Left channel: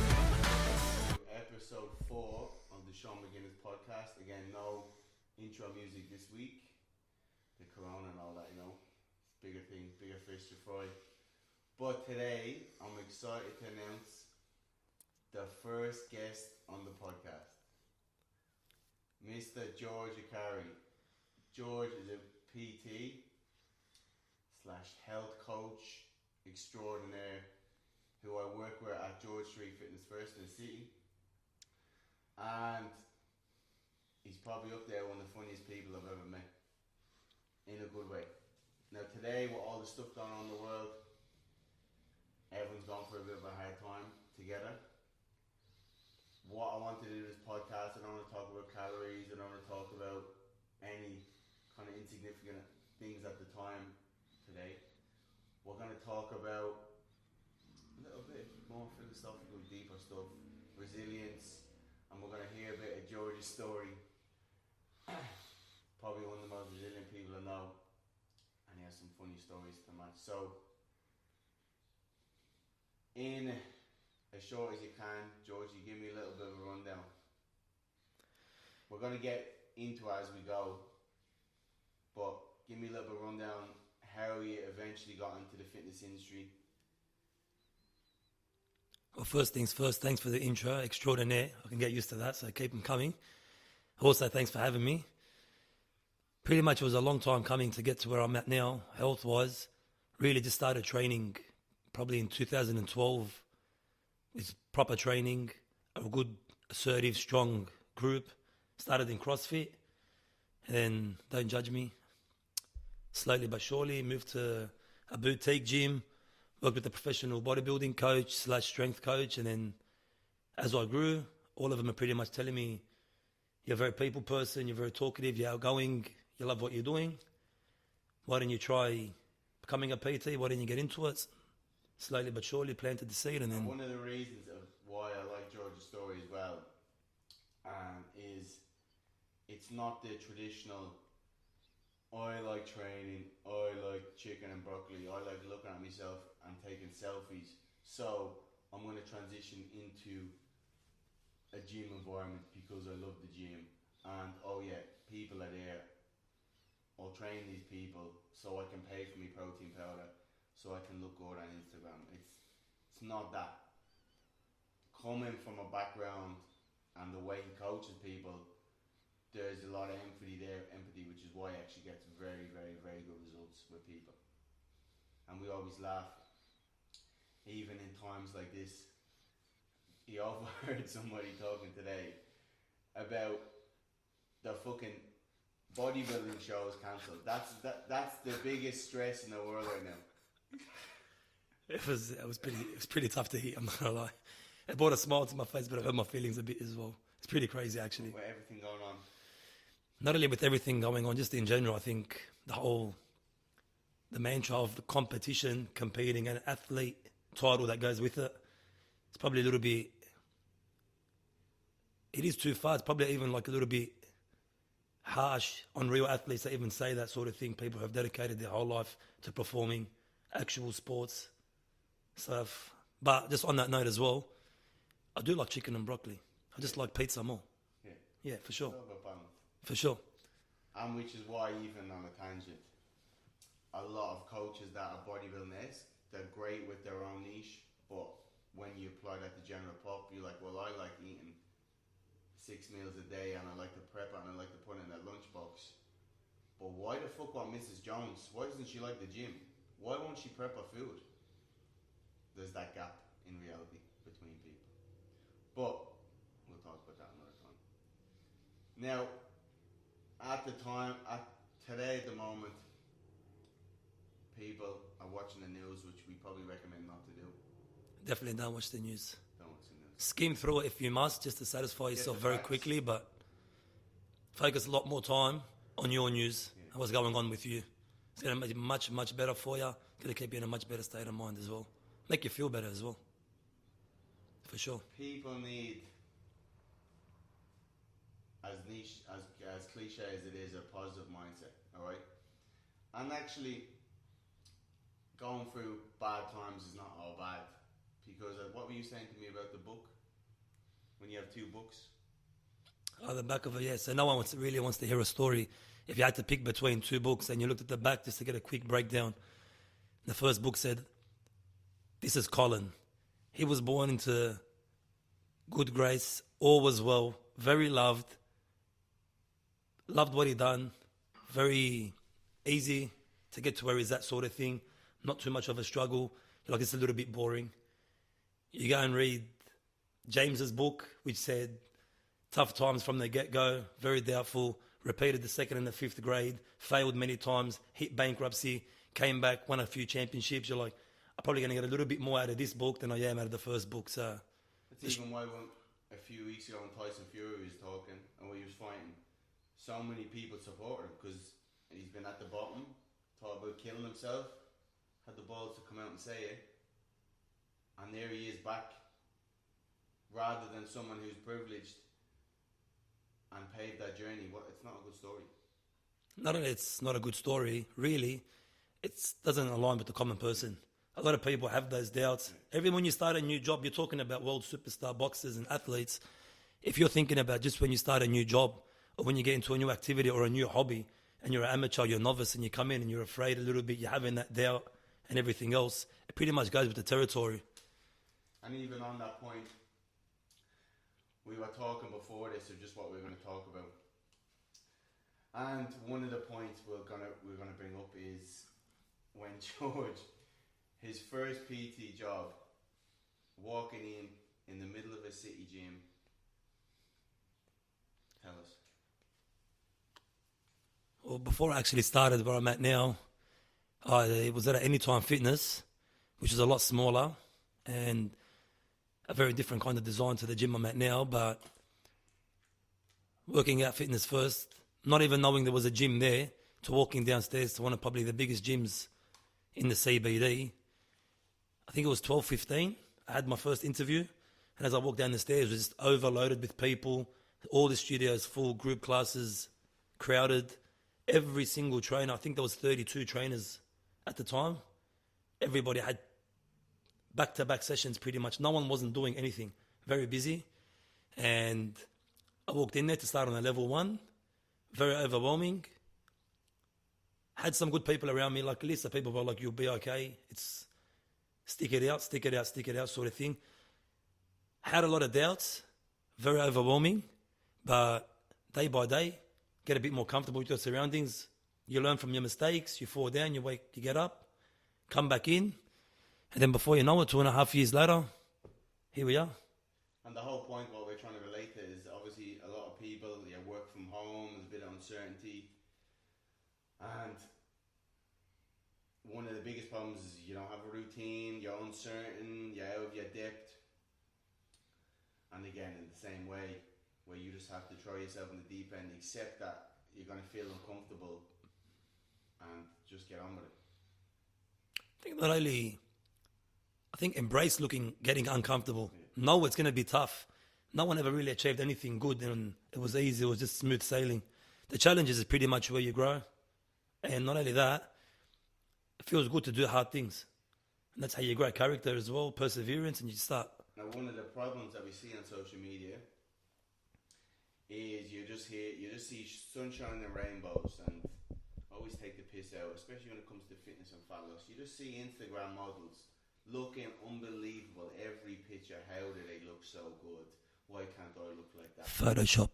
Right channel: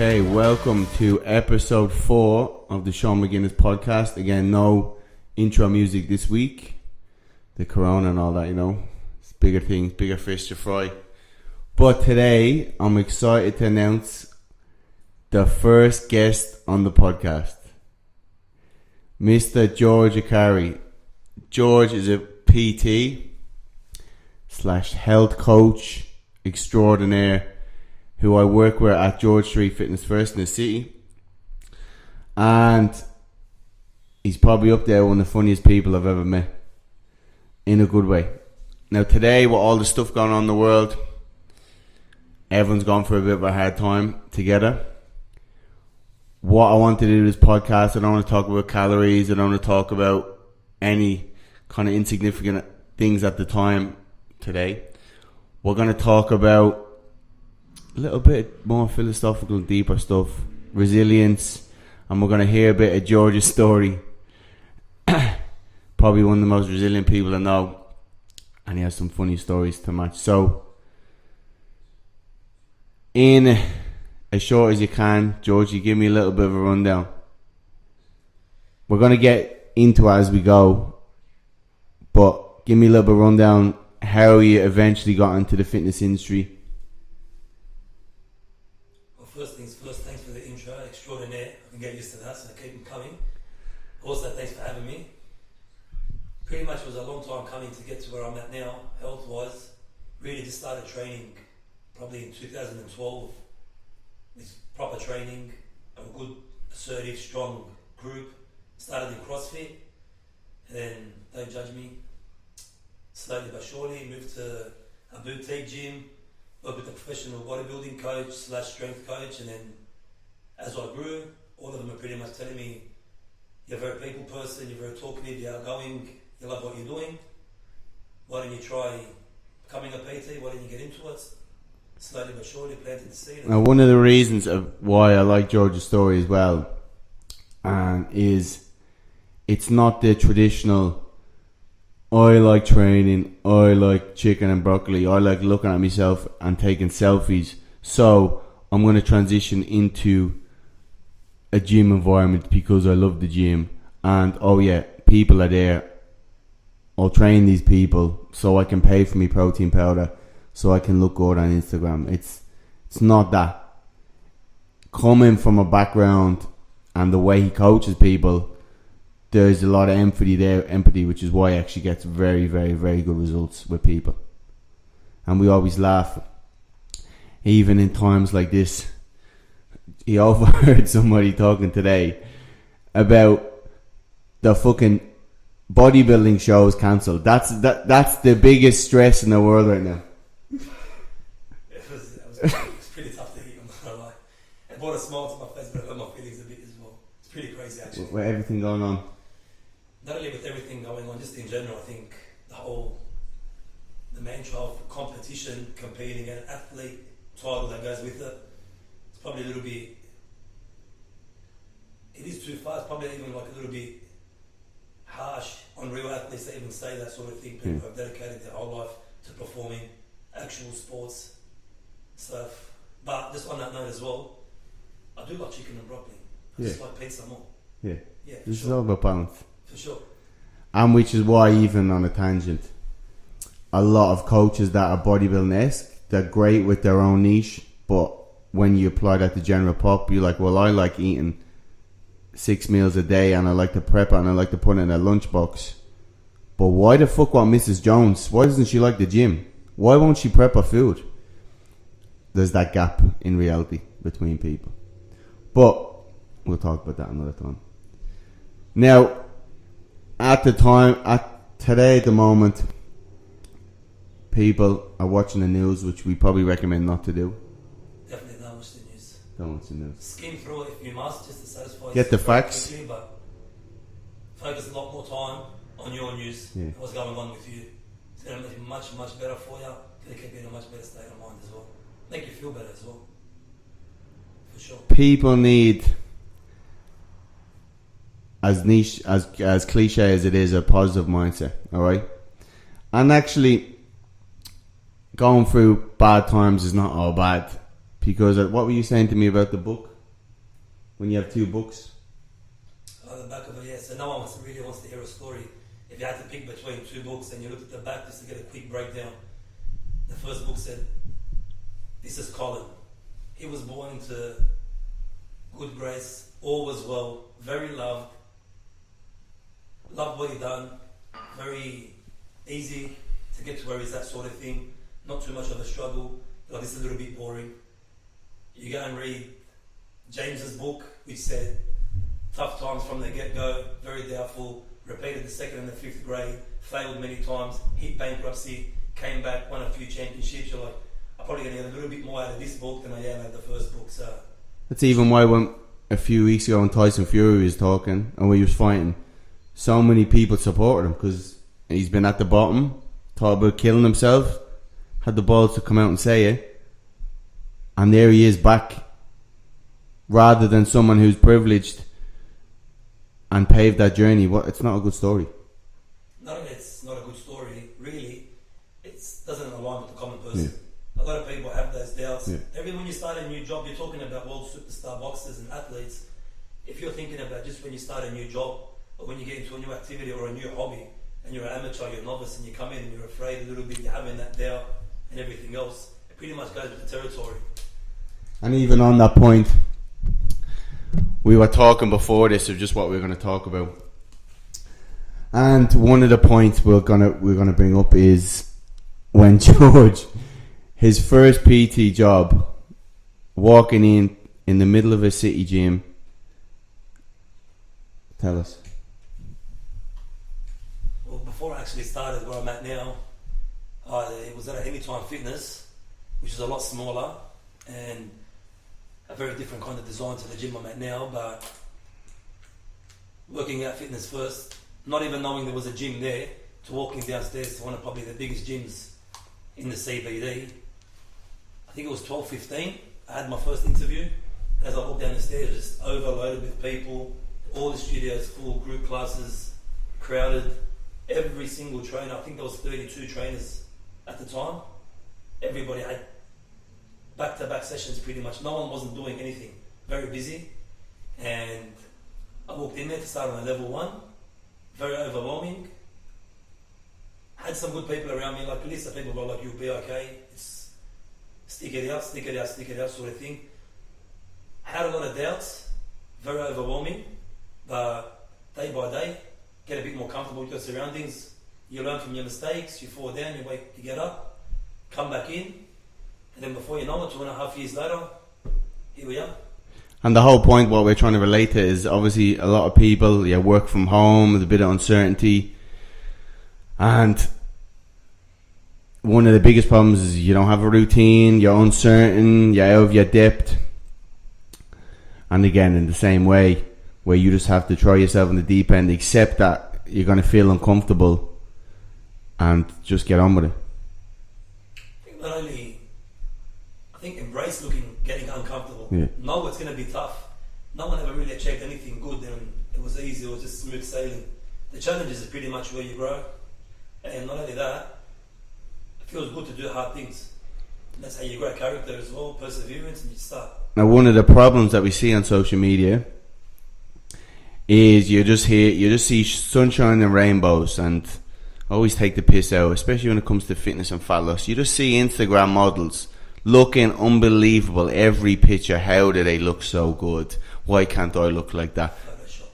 Okay, welcome to episode 4 of the Sean McGuinness podcast. Again, no intro music this week. The corona and all that, you know. It's bigger things, bigger fish to fry. But today, I'm excited to announce the first guest on the podcast. Mr. George Accari. George is a PT / health coach extraordinaire who I work with at George Street Fitness First in the city. And he's probably up there one of the funniest people I've ever met. In a good way. Now today, with all the stuff going on in the world, everyone's gone for a bit of a hard time together. What I want to do this podcast, I don't want to talk about calories, I don't want to talk about any kind of insignificant things at the time today. We're going to talk about a little bit more philosophical, deeper stuff, resilience, and we're going to hear a bit of George's story. Probably one of the most resilient people I know, and he has some funny stories to match. So, in as short as you can, George, you give me a little bit of a rundown. We're going to get into it as we go, but give me a little bit of a rundown how you eventually got into the fitness industry. Well, first things first, thanks for the intro, extraordinaire. I can get used to that, so keep them coming. Also, thanks for having me. Pretty much it was a long time coming to get to where I'm at now, health-wise. Really just started training probably in 2012. It's proper training, a good, assertive, strong group. Started in CrossFit, and then, don't judge me, slowly but surely moved to a boutique gym, worked with a professional bodybuilding coach / strength coach, and then as I grew, all of them are pretty much telling me, you're a very people person, you're very talkative, you're outgoing, you love what you're doing. Why don't you try becoming a PT? Why don't you get into it? Slowly but surely planted the seed. Now, one of the reasons of why I like George's story as well, is it's not the traditional, I like training, I like chicken and broccoli, I like looking at myself and taking selfies, so I'm going to transition into a gym environment because I love the gym, and oh yeah, people are there, I'll train these people so I can pay for me protein powder, so I can look good on Instagram. It's not that. Coming from a background and the way he coaches people, there's a lot of empathy, which is why he actually gets very, very, very good results with people. And we always laugh, even in times like this. He overheard somebody talking today about the fucking bodybuilding shows cancelled. That's the biggest stress in the world right now. It's pretty tough to hit, I'm not gonna lie. It brought a smile to my face, but it hurt my feelings a bit as well. It's pretty crazy actually. With everything going on. Not only with everything going on, just in general, I think the mantra of the competition, competing, and athlete title that goes with it, it's probably a little bit, it is too far. It's probably even like a little bit harsh on real athletes that even say that sort of thing. People have dedicated their whole life to performing actual sports stuff. But just on that note as well, I do like chicken and broccoli. I just like pizza more. Yeah, for this sure. is all about balance. For sure. And which is why, even on a tangent, a lot of coaches that are bodybuilding-esque, they're great with their own niche, but when you apply that to general pop, you're like, well, I like eating 6 meals a day, and I like to prep it, and I like to put it in a lunchbox. But why the fuck want Mrs. Jones? Why doesn't she like the gym? Why won't she prep her food? There's that gap in reality between people. But we'll talk about that another time. Now, at the moment, people are watching the news, which we probably recommend not to do. Definitely don't watch the news. Don't watch the news. Skim through it if you must, just to satisfy yourself. Get the facts. Quickly, but focus a lot more time on your news and what's going on with you. It's going to be much, much better for you. It's going to keep you in a much better state of mind as well. Make you feel better as well. For sure. People need, as niche, as cliche as it is, a positive mindset, alright? And actually, going through bad times is not all bad. Because what were you saying to me about the book? when you have two books? On the back of it, yeah. So no one really wants to hear a story. If you had to pick between two books and you looked at the back just to get a quick breakdown, the first book said, "This is Colin. He was born into good grace, all was well, very loved what he done, very easy to get to where he's at, sort of thing. Not too much of a struggle. Like, it's a little bit boring." You go and read James's book, which said tough times from the get-go, very doubtful, repeated the 2nd and the 5th grade, failed many times, hit bankruptcy, came back, won a few championships. You're like, I'm probably going to get a little bit more out of this book than I am out of the first book. So that's even why when a few weeks ago when Tyson Fury was talking and when he was fighting, so many people supported him because he's been at the bottom, thought about killing himself, had the balls to come out and say it, and there he is back, rather than someone who's privileged and paved that journey. It's not a good story. Not only it's not a good story, really, it doesn't align with the common person. A lot of people have those doubts. Every when you start a new job, you're talking about world superstar boxers and athletes. If you're thinking about just when you start a new job or when you get into a new activity or a new hobby and you're an amateur, you're a novice, and you come in and you're afraid a little bit, you're having that doubt and everything else, it pretty much goes with the territory. And even on that point, we were talking before this of just what we were going to talk about, and one of the points we're gonna bring up is when George, his first PT job, walking in the middle of a city gym. Tell us. Well, before I actually started where I'm at now, I was at Anytime Fitness, which is a lot smaller and a very different kind of design to the gym I'm at now, but working out fitness first, not even knowing there was a gym there, to walking downstairs to one of probably the biggest gyms in the CBD. I think it was 12:15. I had my first interview, and as I walked down the stairs, it was just overloaded with people, all the studios full, group classes crowded, every single trainer. I think there was 32 trainers at the time. Everybody had back-to-back sessions pretty much. No one wasn't doing anything. Very busy. And I walked in there to start on a level 1. Very overwhelming. Had some good people around me, like a list of people were like, "You'll be okay. It's stick it out sort of thing." Had a lot of doubts. Very overwhelming. But day by day, get a bit more comfortable with your surroundings. You learn from your mistakes. You fall down, you wake, you get up, come back in. And then before you know it, 2.5 years later, here we are. And the whole point, what we're trying to relate to, is obviously a lot of people work from home with a bit of uncertainty, and one of the biggest problems is you don't have a routine, you're uncertain, you're out of your depth. And again, in the same way, where you just have to throw yourself in the deep end, accept that you're going to feel uncomfortable and just get on with it. I think embrace getting uncomfortable. Know it's going to be tough. No one ever really achieved anything good and it was easy, it was just smooth sailing. The challenges is pretty much where you grow. And not only that, it feels good to do hard things. And that's how you grow character as well, perseverance, and you start. Now, one of the problems that we see on social media is you just see sunshine and rainbows, and always take the piss out, especially when it comes to fitness and fat loss. You just see Instagram models looking unbelievable every picture. How do they look so good? Why can't I look like that? Photoshop.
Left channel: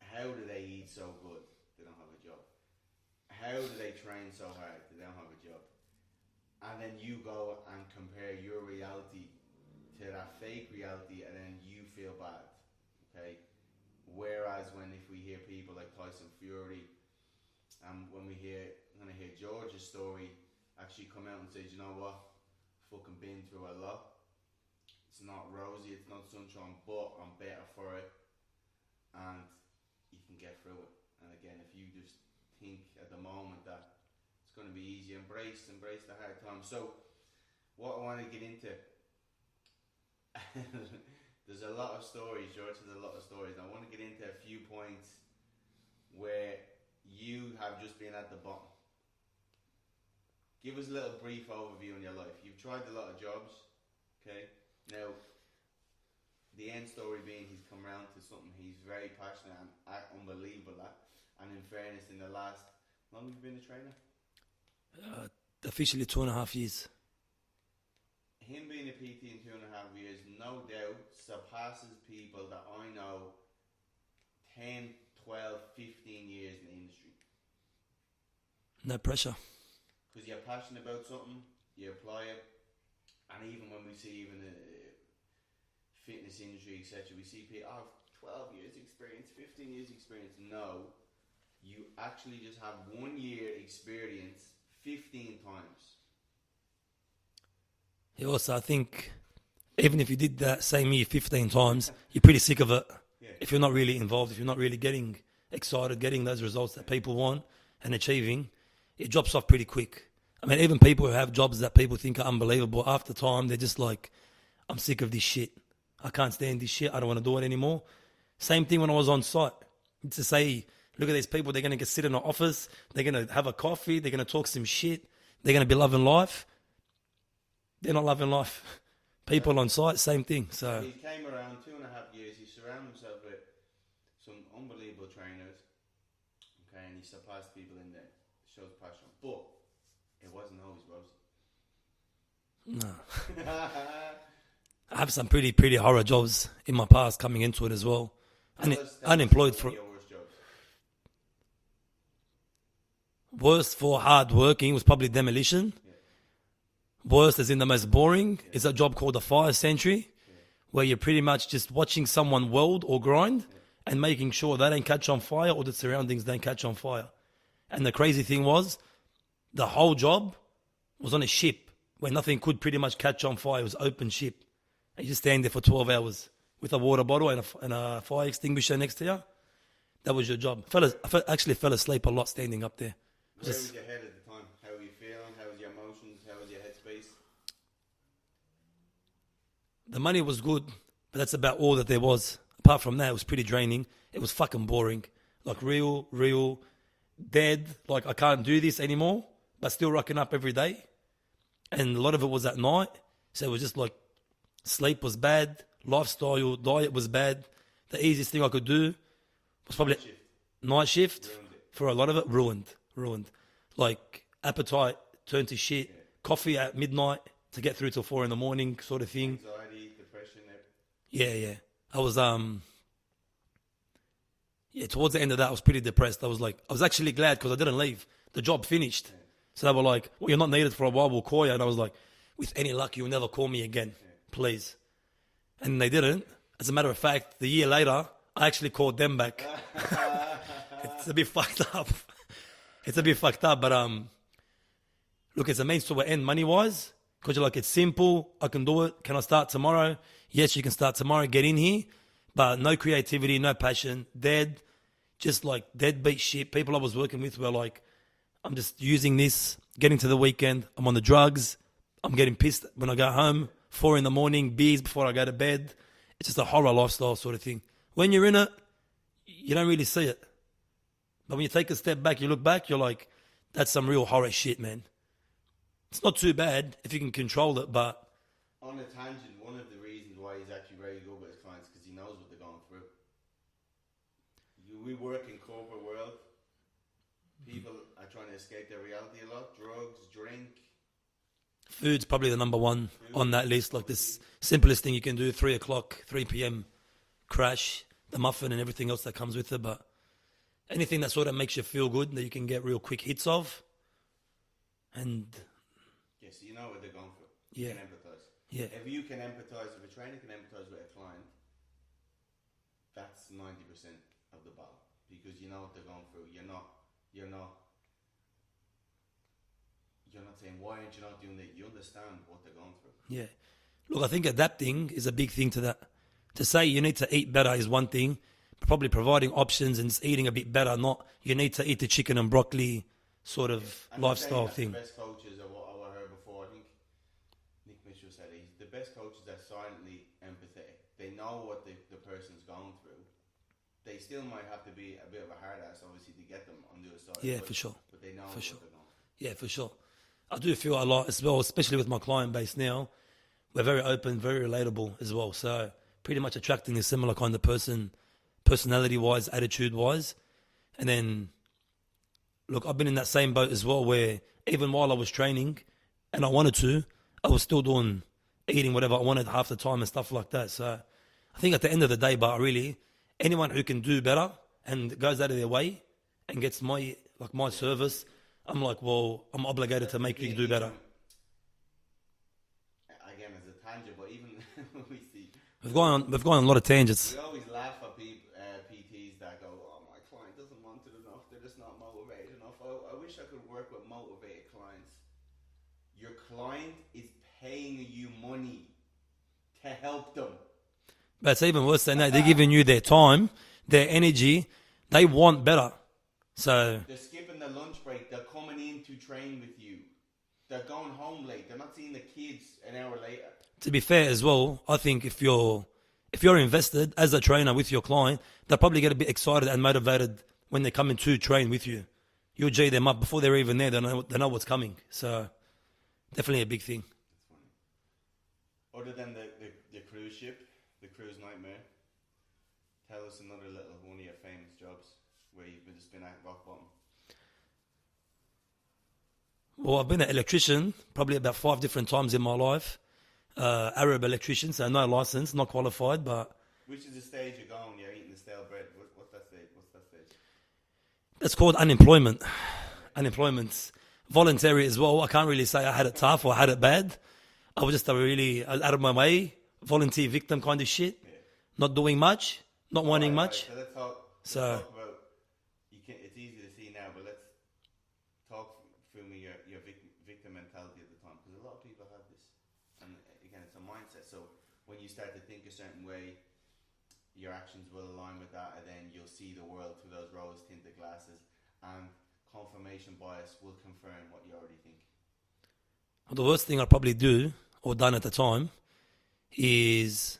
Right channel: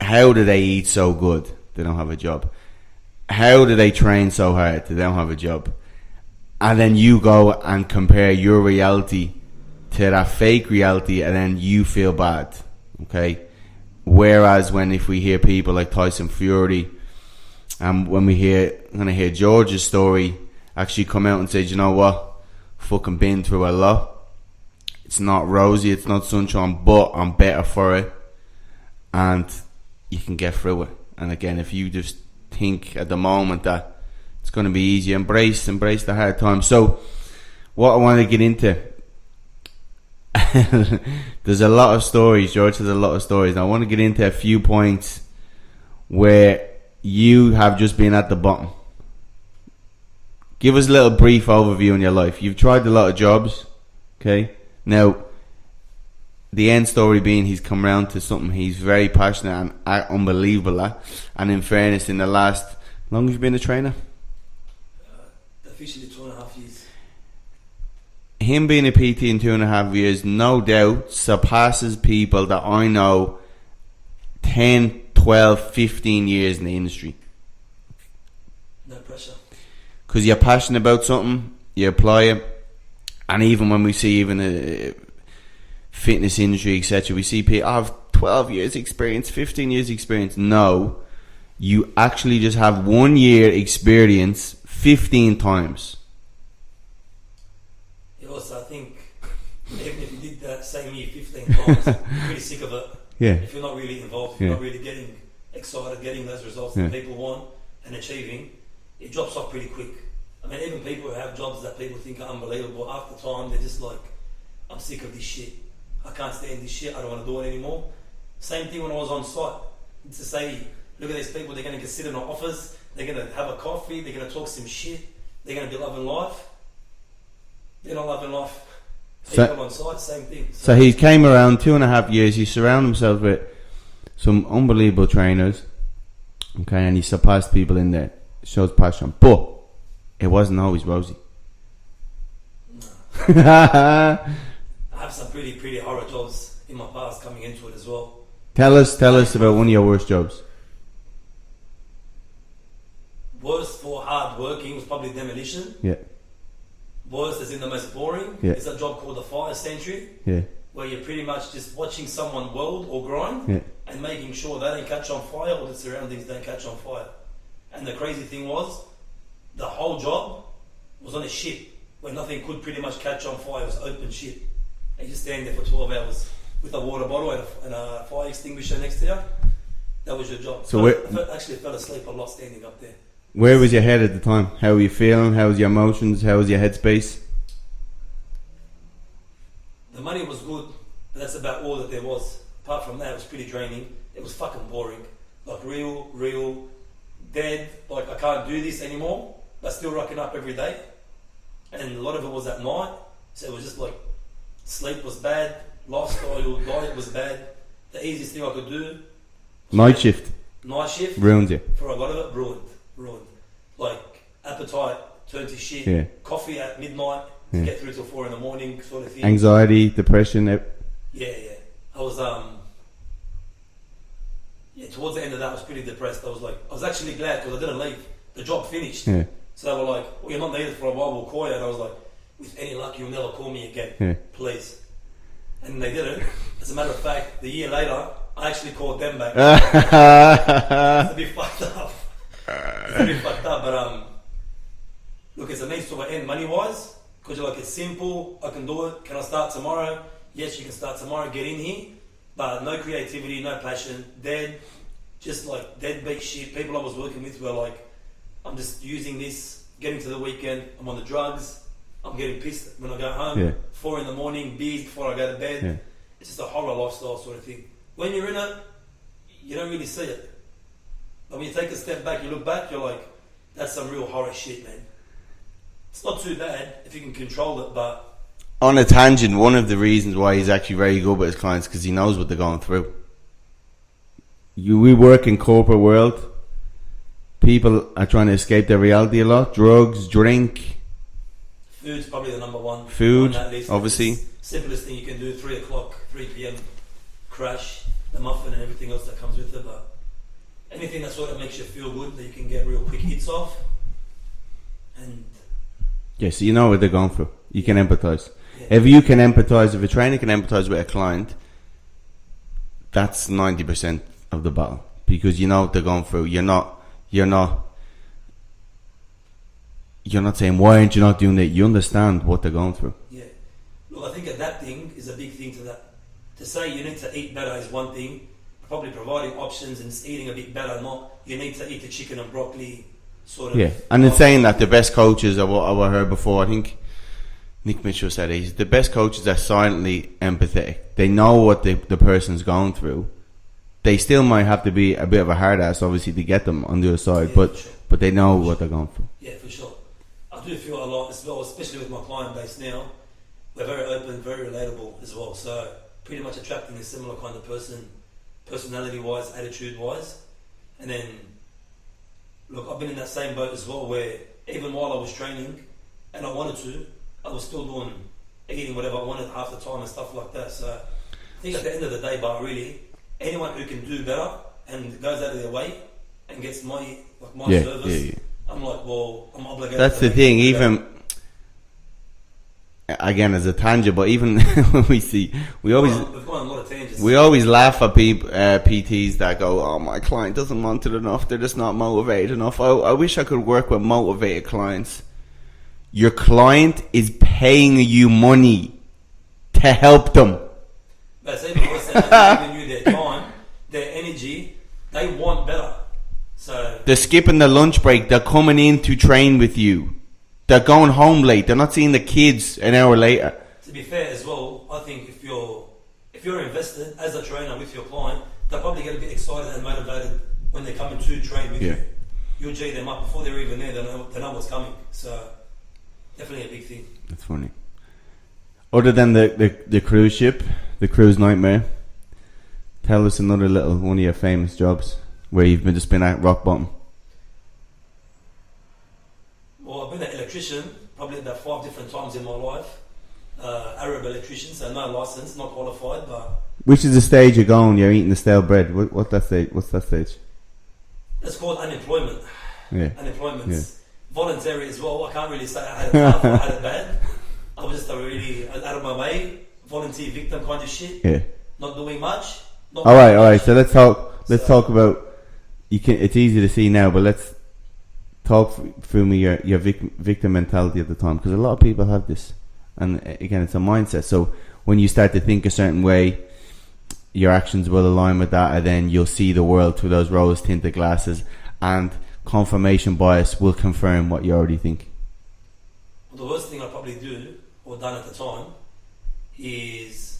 How do they eat so good? They don't have a job. How do they train so hard? They don't have a job. And then you go and compare your reality to that fake reality, and then you feel bad. Okay? Whereas if we hear people like Tyson Fury, and when we hear George's story actually come out and say, "You know what? Fucking been through a lot. It's not rosy, it's not sunshine, but I'm better for it," and you can get through it. And again, if you just think at the moment that it's going to be easy, embrace the hard times. So what I want to get into, there's a lot of stories. George has a lot of stories. I want to get into a few points where you have just been at the bottom. Give us a little brief overview in your life. You've tried a lot of jobs, okay? Now, the end story being he's come around to something he's very passionate and unbelievable at. And in fairness, in the last, how long have you been a trainer? Officially 2.5 years. Him being a PT in 2.5 years, no doubt surpasses people that I know 10, 12, 15 years in the industry. No pressure. Because you're passionate about something, you apply it. And even when we see even a fitness industry, etc., we see people have 12 years experience, 15 years experience. No, you actually just have 1 year experience 15 times. Yeah, also, I think even if you did that same year 15 times, you're pretty sick of it. Yeah. If you're not really involved, if you're not really getting excited, getting those results that people want and achieving, it drops off pretty quick. I mean, even people who have jobs that people think are unbelievable, after time, they're just like, I'm sick of this shit. I can't stand this shit. I don't want to do it anymore. Same thing when I was on site. To say, look at these people, they're going to sit in an office, they're going to have a coffee, they're going to talk some shit, they're going to be loving life. They're not loving life. People on site, same thing. So he came around 2.5 years. He surrounded himself with some unbelievable trainers. Okay, and he surpassed people in there. Shows passion, but it wasn't always rosy. No. I have some pretty horror jobs in my past coming into it as well. Tell us about one of your worst jobs. Worst for hard working was probably demolition. Yeah. Worst is in the most boring. Yeah. It's a job called a fire sentry. Yeah. Where you're pretty much just watching someone weld or grind and making sure they don't catch on fire or the surroundings don't catch on fire. And the crazy thing was, the whole job was on a ship where nothing could pretty much catch on fire. It was open ship. And you just stand there for 12 hours with a water bottle and a fire extinguisher next to you. That was your job. So I actually fell asleep a lot standing up there. Where was your head at the time? How were you feeling? How was your emotions? How was your headspace? The money was good, but that's about all that there was. Apart from that, it was pretty draining. It was fucking boring. Like real dead. Like I can't do this anymore, but still rocking up every day. And a lot of it was at night. So it was just like sleep was bad, lifestyle, diet was bad. The easiest thing I could do. Night shift ruined you. For a lot of it, ruined. Like appetite turned to shit. Yeah. Coffee at midnight to get through till 4 a.m, sort of thing. Anxiety, depression. Yeah. I was towards the end of that I was pretty depressed. I was actually glad because I didn't leave. The job finished. Yeah. So they were like, well, you're not needed for a while, we'll call you. And I was like, with any luck you'll never call me again. Please. And they didn't. As a matter of fact, the year later I actually called them back. It's a bit fucked up. But look, it's a means to an end money wise, because you're like, it's simple, I can do it. Can I start tomorrow? Yes, you can start tomorrow, get in here, but no creativity, no passion, just like deadbeat shit. People I was working with were like, I'm just using this, getting to the weekend, I'm on the drugs, I'm getting pissed when I go home, 4 a.m, beers before I go to bed. It's just a horror lifestyle sort of thing. When you're in it, you don't really see it. But when you take a step back, you look back, you're like, that's some real horror shit, man. It's not too bad if you can control it, but... On a tangent, one of the reasons why he's actually very good with his clients because he knows what they're going through. We work in corporate world. People are trying to escape their reality a lot. Drugs, drink. Food's probably the number one Food, on that list. Obviously. Simplest thing you can do, 3 p.m, crash, the muffin and everything else that comes with it, but... anything that sort of makes you feel good, that you can get real quick hits of. And yeah, so you know what they're going through. You can empathise. If you can empathise, if a trainer can empathise with a client, that's 90% of the battle, because you know what they're going through. You're not saying, why aren't you not doing that? You understand what they're going through. Yeah. Look, I think adapting is a big thing to that. To say you need to eat better is one thing. Probably providing options and eating a bit better, not you need to eat the chicken and broccoli sort of. Yeah, and in saying that, the best coaches, I heard before, I think Nick Mitchell said, he's the best coaches are silently empathetic. They know what the person's going through. They still might have to be a bit of a hard ass, obviously, to get them on the other side, but they know what they're going through. Yeah, for sure. I do feel a lot as well, especially with my client base now. We're very open, very relatable as well. So pretty much attracting a similar kind of person, personality-wise, attitude-wise. And then, look, I've been in that same boat as well, where even while I was training and I wanted to, I was still eating whatever I wanted half the time and stuff like that. So I think at the end of the day, but really, anyone who can do better and goes out of their way and gets my service, I'm like, well, I'm obligated. That's the thing. Even again, as a tangent, but even when we've gone on a lot of tangents. We always laugh at people, PTs that go, "Oh, my client doesn't want it enough. They're just not motivated enough." I wish I could work with motivated clients. Your client is paying you money to help them. But it's even worse than that. They're giving you their time, their energy. They want better. So they're skipping the lunch break. They're coming in to train with you. They're going home late. They're not seeing the kids an hour later. To be fair as well, I think if you're invested as a trainer with your client, they'll probably get a bit excited and motivated when they're coming to train with you. You'll G them up before they're even there. They know what's coming. So definitely a big thing. That's funny. Other than the cruise ship, the cruise nightmare, tell us another little one of your famous jobs where you've just been at rock bottom. Well, I've been an electrician probably about 5 different times in my life. Arab electrician, so no license, not qualified, but... Which is the stage you're going? You're eating the stale bread. What's that stage? It's called unemployment. Yeah. Unemployment. Yeah. Voluntary as well. I can't really say I had it tough or I had it bad. I was just really out of my way, volunteer victim kind of shit. Yeah. Not doing much. All right. So let's talk about. It's easy to see now, but let's talk through me your victim mentality at the time, because a lot of people have this, and again, it's a mindset. So when you start to think a certain way, your actions will align with that, and then you'll see the world through those rose-tinted glasses, and confirmation bias will confirm what you already think. Well, the worst thing I probably do or done at the time is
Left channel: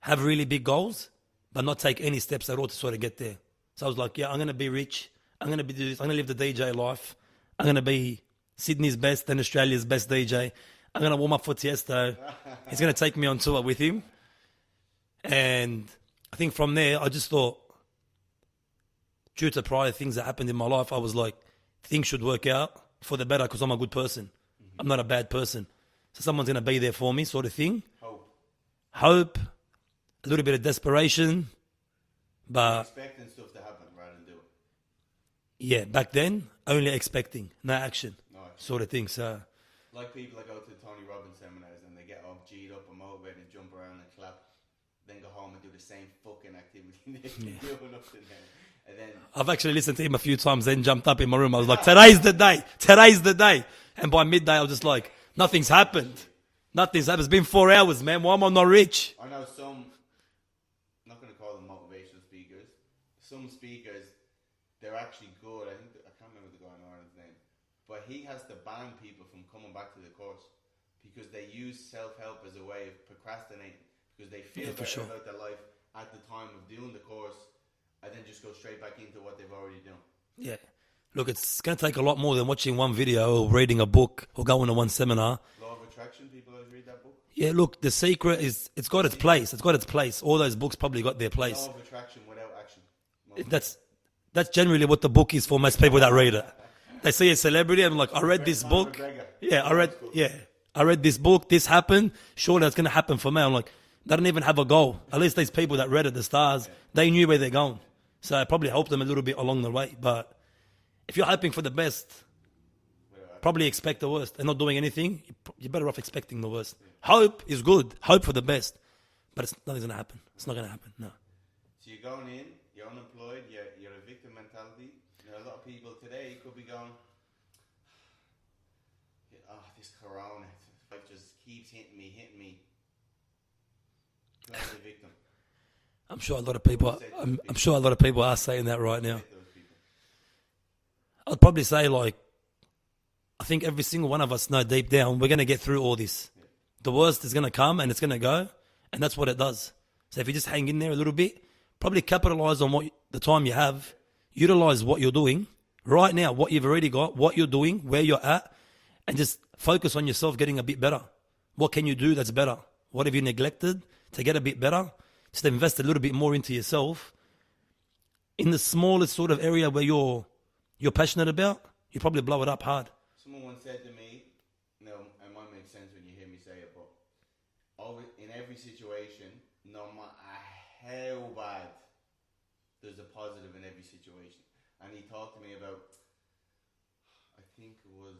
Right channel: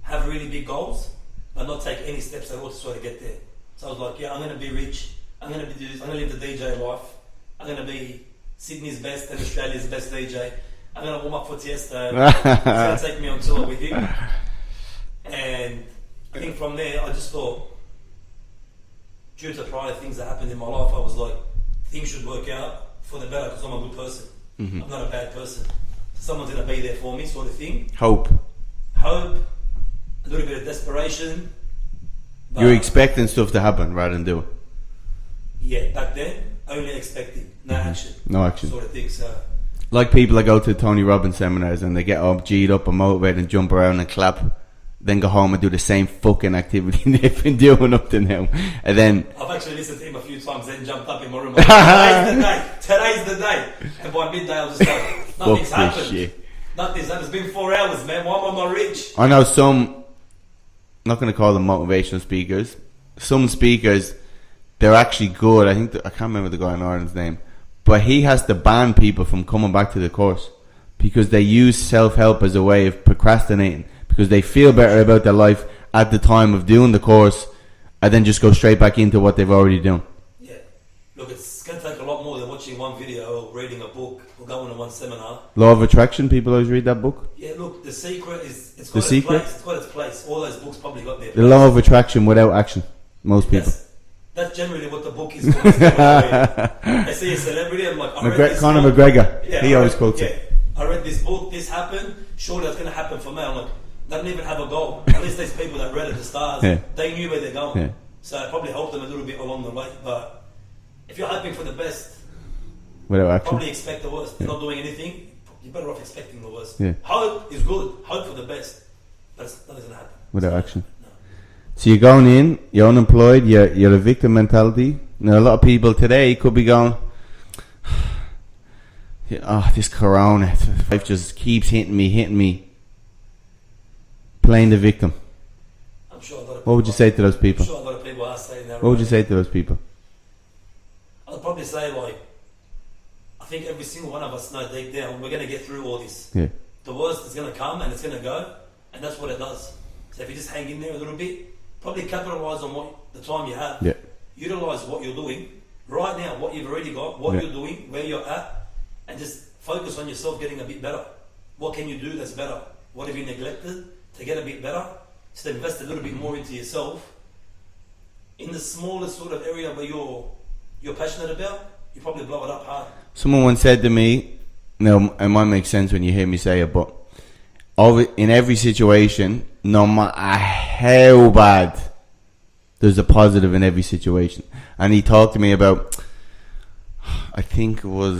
have really big goals, but not take any steps at all to sort of get there. So I was like, I'm going to be rich. I'm going to live the DJ life. I'm going to be Sydney's best and Australia's best DJ. I'm going to warm up for Tiesto. He's going to take me on tour with him. And I think from there, I just thought, due to prior things that happened in my life, I was like, things should work out for the better because I'm a good person. Mm-hmm. I'm not a bad person. So someone's going to be there for me, sort of thing. Hope, a little bit of desperation. But you're expecting stuff to happen rather than do it. Yeah, back then, only expecting, no action. No action. Sort of thing, so... Like people that go to Tony Robbins seminars and they get all G'd up and motivated and jump around and clap, then go home and do the same fucking activity they've been doing up to now. And then... I've actually listened to him a few times, then jumped up in my room. I'm like, today's the day. And by midday, I was just like, nothing's happened. Nothing's happened. It's been 4 hours, man. Why am I not rich? I know some... I'm not going to call them motivational speakers. Some speakers, they're actually good. I think I can't remember the guy in Ireland's name, but he has to ban people from coming back to the course because they use self-help as a way of procrastinating, because they feel better about their life at the time of doing the course and then just go straight back into what they've already done. Yeah. Look, it's going to take a lot more than watching one video or reading a book or going to one seminar. Law of Attraction, people always read that book. Yeah, look, The Secret is, it's got its place. It's got its place. All those books probably got their place. The Law of Attraction without action, most people. That's generally what the book is for most people that read it. They see a celebrity and like, I read this Conor book. McGregor, he always quotes it. I read this book, this happened, surely that's going to happen for me. I'm like, they don't even have a goal. At least these people that read it, the stars, they knew where they're going. Yeah. So it probably helped them a little bit along the way. But if you're hoping for the best, without action, probably expect the worst. They're not doing anything, you're better off expecting the worst. Yeah. Hope is good. Hope for the best. But nothing's going to happen. Without action. No. So you're going in, you're unemployed, you're a victim mentality. Now a lot of people today could be going, this corona, life just keeps hitting me. Playing the victim. I'm sure a lot of people... What would you say to those people? I'm sure a lot of people are saying that right now. What would you say to those people? I'd probably say, like, I think every single one of us know deep down we're going to get through all this. Yeah. The worst is going to come and it's going to go, and that's what it does. So if you just hang in there a little bit, probably capitalise on the time you have. Yeah. Utilise what you're doing right now, what you've already got, what you're doing, where you're at, and just focus on yourself getting a bit better. What can you do that's better? What have you neglected to get a bit better, just to invest a little bit more into yourself in the smallest sort of area where you're passionate about, you probably blow it up hard. Someone once said to me, no, it might make sense when you hear me say it, but in every situation, no matter how bad, there's a positive in every situation. And he talked to me about, I think it was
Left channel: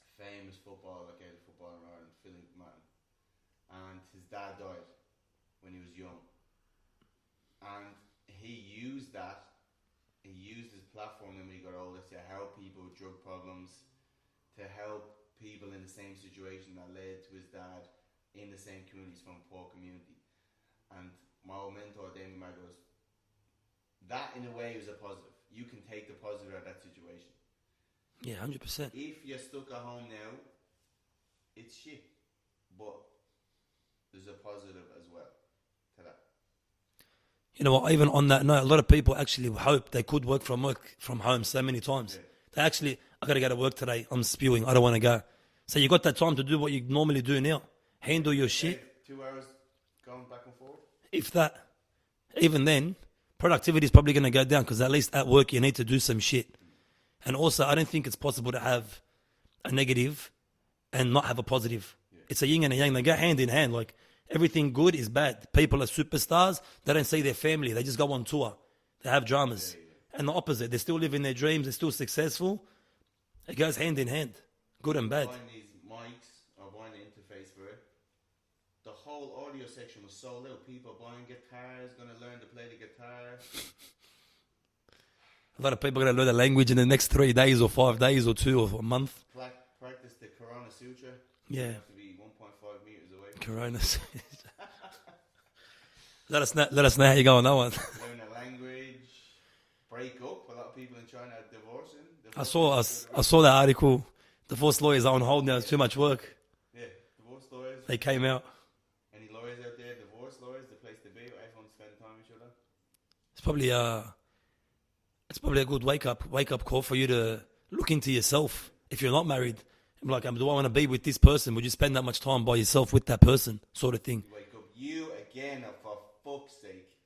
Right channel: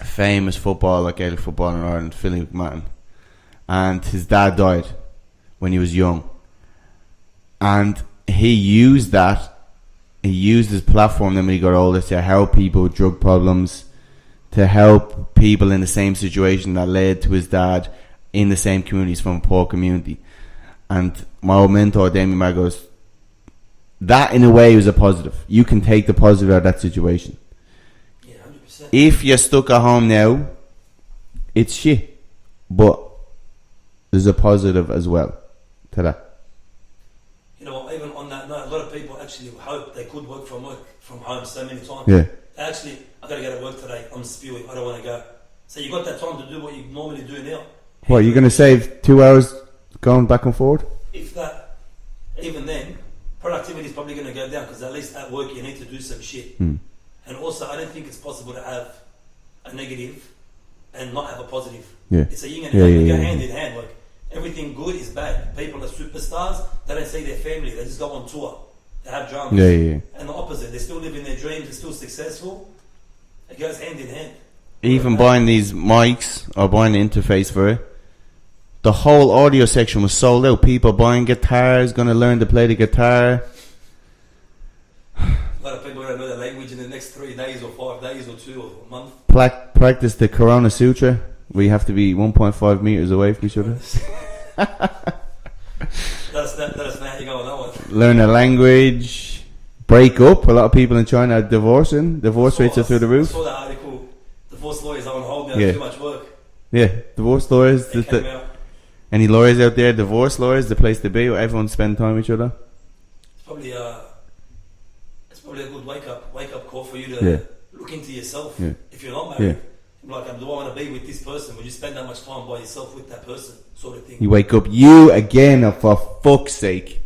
a famous footballer, Gaelic footballer in Ireland, Philly McMahon, and his dad died when he was young, and he used his platform then when he got older to help people with drug problems, to help people in the same situation that led to his dad in the same communities from a poor community. And my old mentor Damien Maher goes, that in a way was a positive. You can take the positive out of that situation. Yeah, 100%. If you're stuck at home now, it's shit, but there's a positive as well to that. You know what, even on that note, a lot of people actually hope they could work from home so many times. Yeah. They actually, I got to go to work today, I'm spewing, I don't want to go. So you got that time to do what you normally do now. What, you're going to save 2 hours going back and forward? If that, even then, productivity is probably going to go down, because at least at work you need to do some shit. And also, I don't think it's possible to have a negative and not have a positive. Yeah. It's a yin and a yang. They go hand in hand. Like, everything good is bad. People are superstars. They don't see their family. They just go on tour. They have dramas. And the opposite. They're still living their dreams. They're still successful. It goes hand in hand. Even buying these mics or buying the interface for it, the whole audio section was sold out. People buying guitars, going to learn to play the guitar. A lot of people are going to learn the language in the next 3 days or 5 days or 2 or a month. Practice the Corona Sutra, where you have to be 1.5 meters away from each other. Let us know how you go on that one. Learn a language. Break up. A lot of people in China are divorcing. Divorce rates are through the roof. I saw that article. Divorce lawyers are on hold now. It's too much work. Yeah, divorce lawyers. They came out. Any lawyers out there? Divorce lawyers, the place to be, where everyone spend time with each other. It's probably a good wake up call for you to look into yourself. If you're not married, like, do I want to be with this person? Would you spend that much time by yourself with that person, sort of thing? You wake up, you again, oh, for fuck's sake.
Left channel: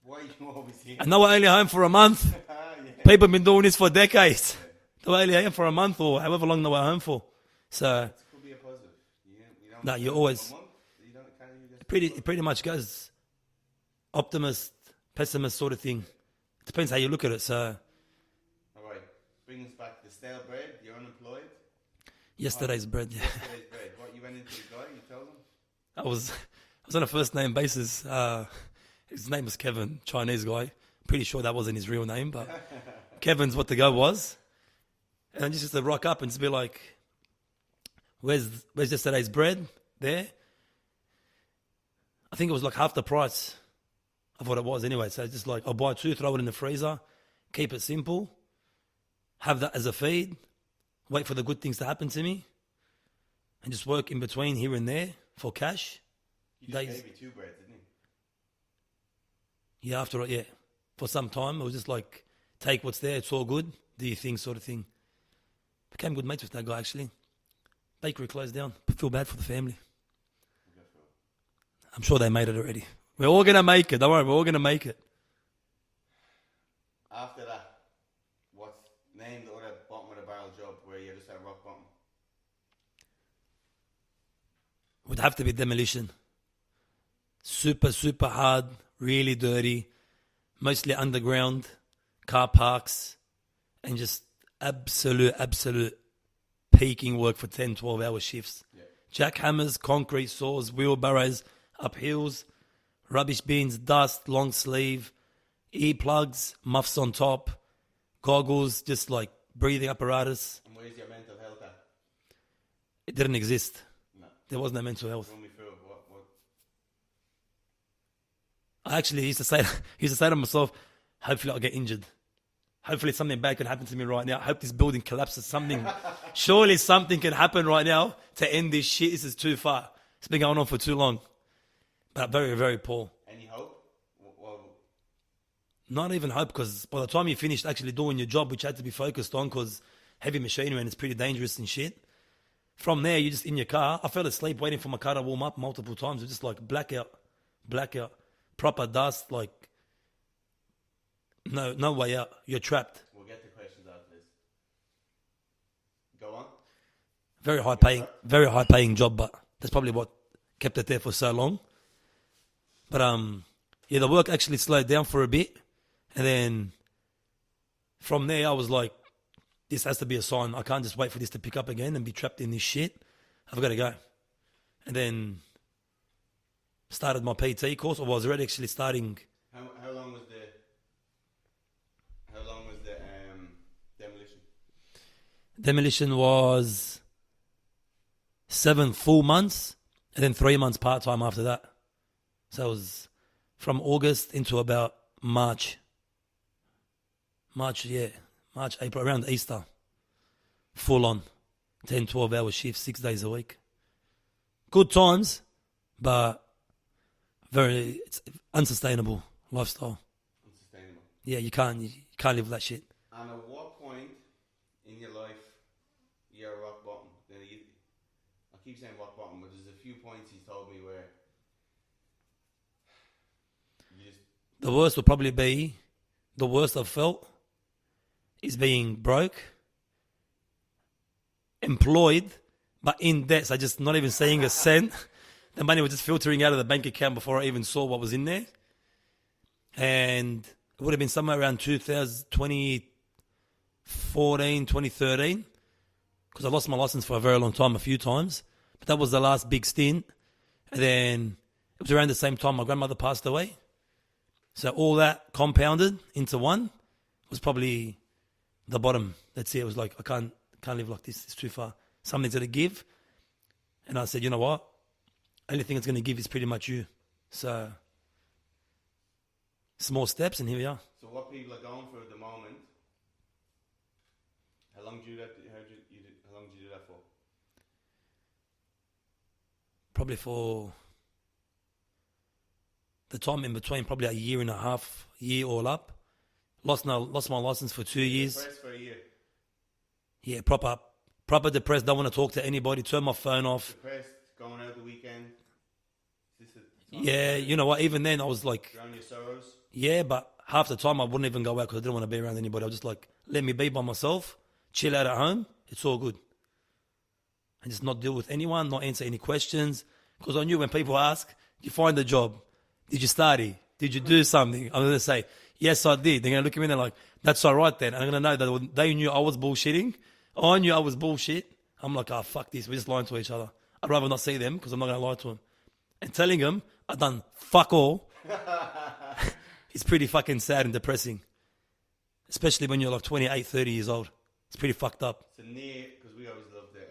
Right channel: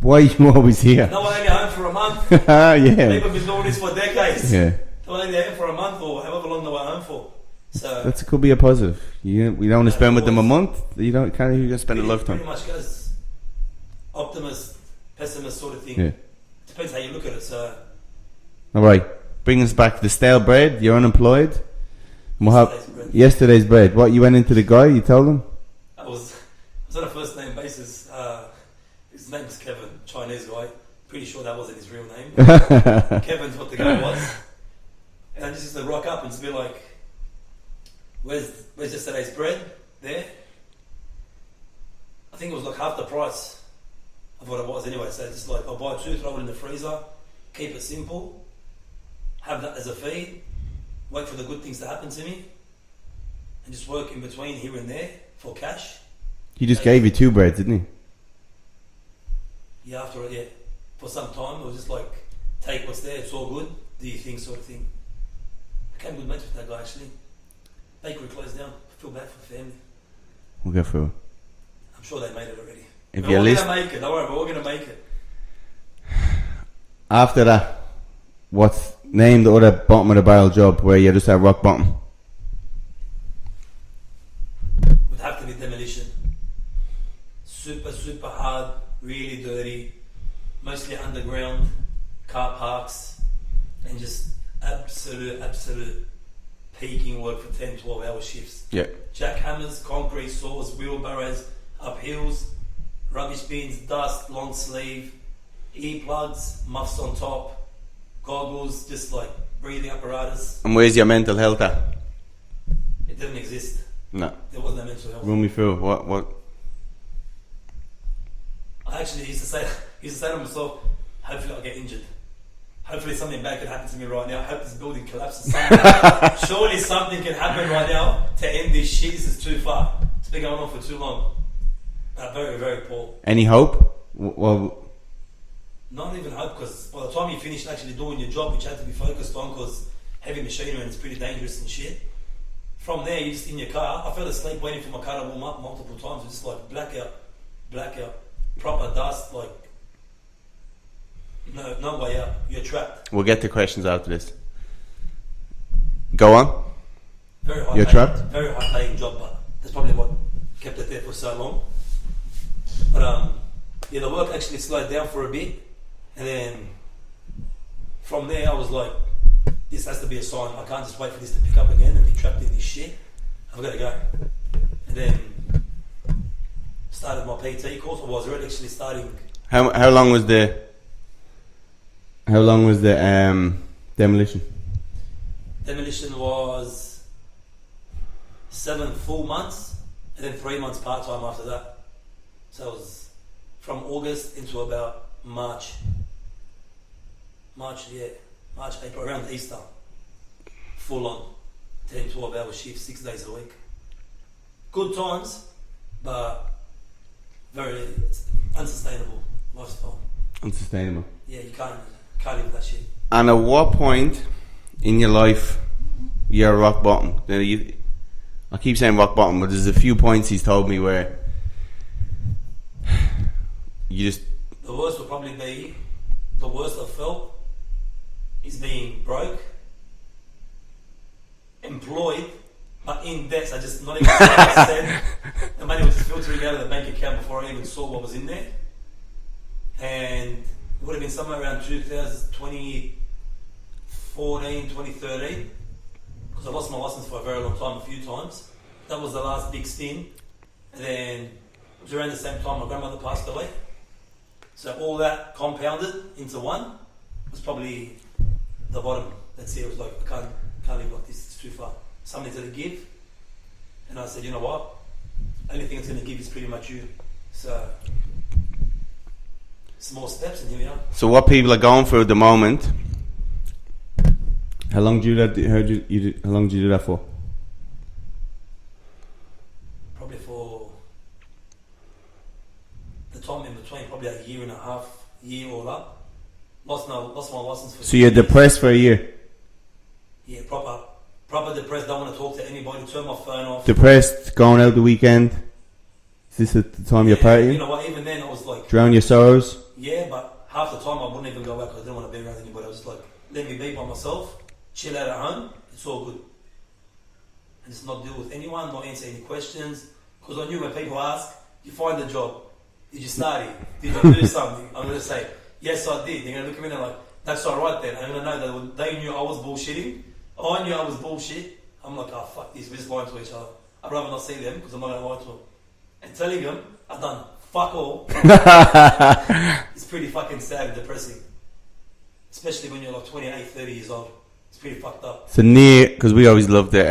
Why are you always here? No, we're only home for a month. Yeah. People have been doing this for decades. Yeah. They're only here for a month or however long they were home for. So that could be a positive. We don't want to spend with them a month. You can't even spend a lifetime. Pretty much goes optimist, pessimist sort of thing. Yeah. Depends how you look at it. So, all right, bring us back to the stale bread. You're unemployed. Yesterday's bread. What, you went into the guy? You told him? I was on a first name basis. His name was Kevin, Chinese guy. Pretty sure that wasn't his real name, but Kevin's what the guy was. And I just used to rock up and just be like, Where's yesterday's bread? There. I think it was like half the price of what it was anyway. So just like, I'll buy 2, throw it in the freezer, keep it simple, have that as a feed, wait for the good things to happen to me, and just work in between here and there for cash. He just gave you 2 breads, didn't he? Yeah, after it, yeah. For some time, it was just like, take what's there, it's all good, do your thing sort of thing. Became good mates with that guy actually. Bakery closed down. I feel bad for the family. We'll go through it. I'm sure they made it already. We're all going to make it. Don't worry, we're all going to make it. After that, name the other bottom of the barrel job where you just at rock bottom? Would have to be demolition. Super, super hard, really dirty, mostly underground, car parks, and just absolute peaking work for 10, 12 hour shifts. Yeah. Jackhammers, concrete saws, wheelbarrows, up hills, rubbish bins, dust, long sleeve, earplugs, muffs on top, goggles, just like breathing apparatus. And where's your mental health at? It didn't exist. No. There was no mental health. Run me through what? I actually used to say to myself, hopefully I'll get injured. Hopefully something bad could happen to me right now. I hope this building collapses someday. Surely something can happen right now to end this shit. This is too far. It's been going on for too long. But very, very poor. Any hope? Well, not even hope, because by the time you finished actually doing your job, which you had to be focused on, because heavy machinery and it's pretty dangerous and shit, From there, you're just in your car. I fell asleep waiting for my car to warm up multiple times. It's just like blackout, proper dust. Like no way out. You're trapped. We'll get to questions after this. Go on. Very You're trapped? very high paying job, but that's probably what kept it there for so long. But yeah, the work actually slowed down for a bit, and then from there I was like, this has to be a sign. I can't just wait for this to pick up again and be trapped in this shit. I've got to go. And then started my PT course. I was already actually starting. How long was the demolition? Demolition was 7 full months, and then 3 months part time after that. So it was from August into about March, April, around Easter. Full on 10, 12 hour shifts, 6 days a week. Good times, but very unsustainable lifestyle. Unsustainable. Yeah, you can't live that shit. And at what point in your life you're rock bottom? I keep saying rock bottom, but there's a few points he's told me where you just... The worst would probably be, the worst I've felt is being broke, employed, but in debt. So just not even seeing a cent. The money was just filtering out of the bank account before I even saw what was in there. And it would have been somewhere around 2014, 2013, because I lost my license for a very long time, a few times. That was the last big stint. And then it was around the same time my grandmother passed away. So all that compounded into one was probably the bottom. That's it. It was like, I can't live like this. It's too far. Something's going to give. And I said, you know what? Only thing that's going to give is pretty much you. So small steps, and here we are. So what people are going through at the moment? How long did you do that for? Probably for the time in between, probably a year and a half, year all up. Lost my license for 2 years. So you're depressed for a year? Yeah, proper depressed. Don't want to talk to anybody. Turn my phone off. Depressed, going out the weekend. Is this at the time you're partying? You know what? Even then, I was like, drown your sorrows. Yeah, but half the time I wouldn't even go out because I didn't want to be around anybody. I was just like, let me be by myself, chill out at home. It's all good, and just not deal with anyone, not answer any questions. Because I knew when people ask, you find a job. Did you study? Did you do something? I'm gonna say, yes, I did. They're gonna look at me and they're like, that's all right then. I'm gonna know that they knew I was bullshitting. I knew I was bullshit. I'm like, oh fuck this. We're just lying to each other. I'd rather not see them because I'm not gonna lie to them. And telling them I've done fuck all. It's pretty fucking sad and depressing, especially when you're like 28, 30 years old. It's pretty fucked up. So near, because we always loved it.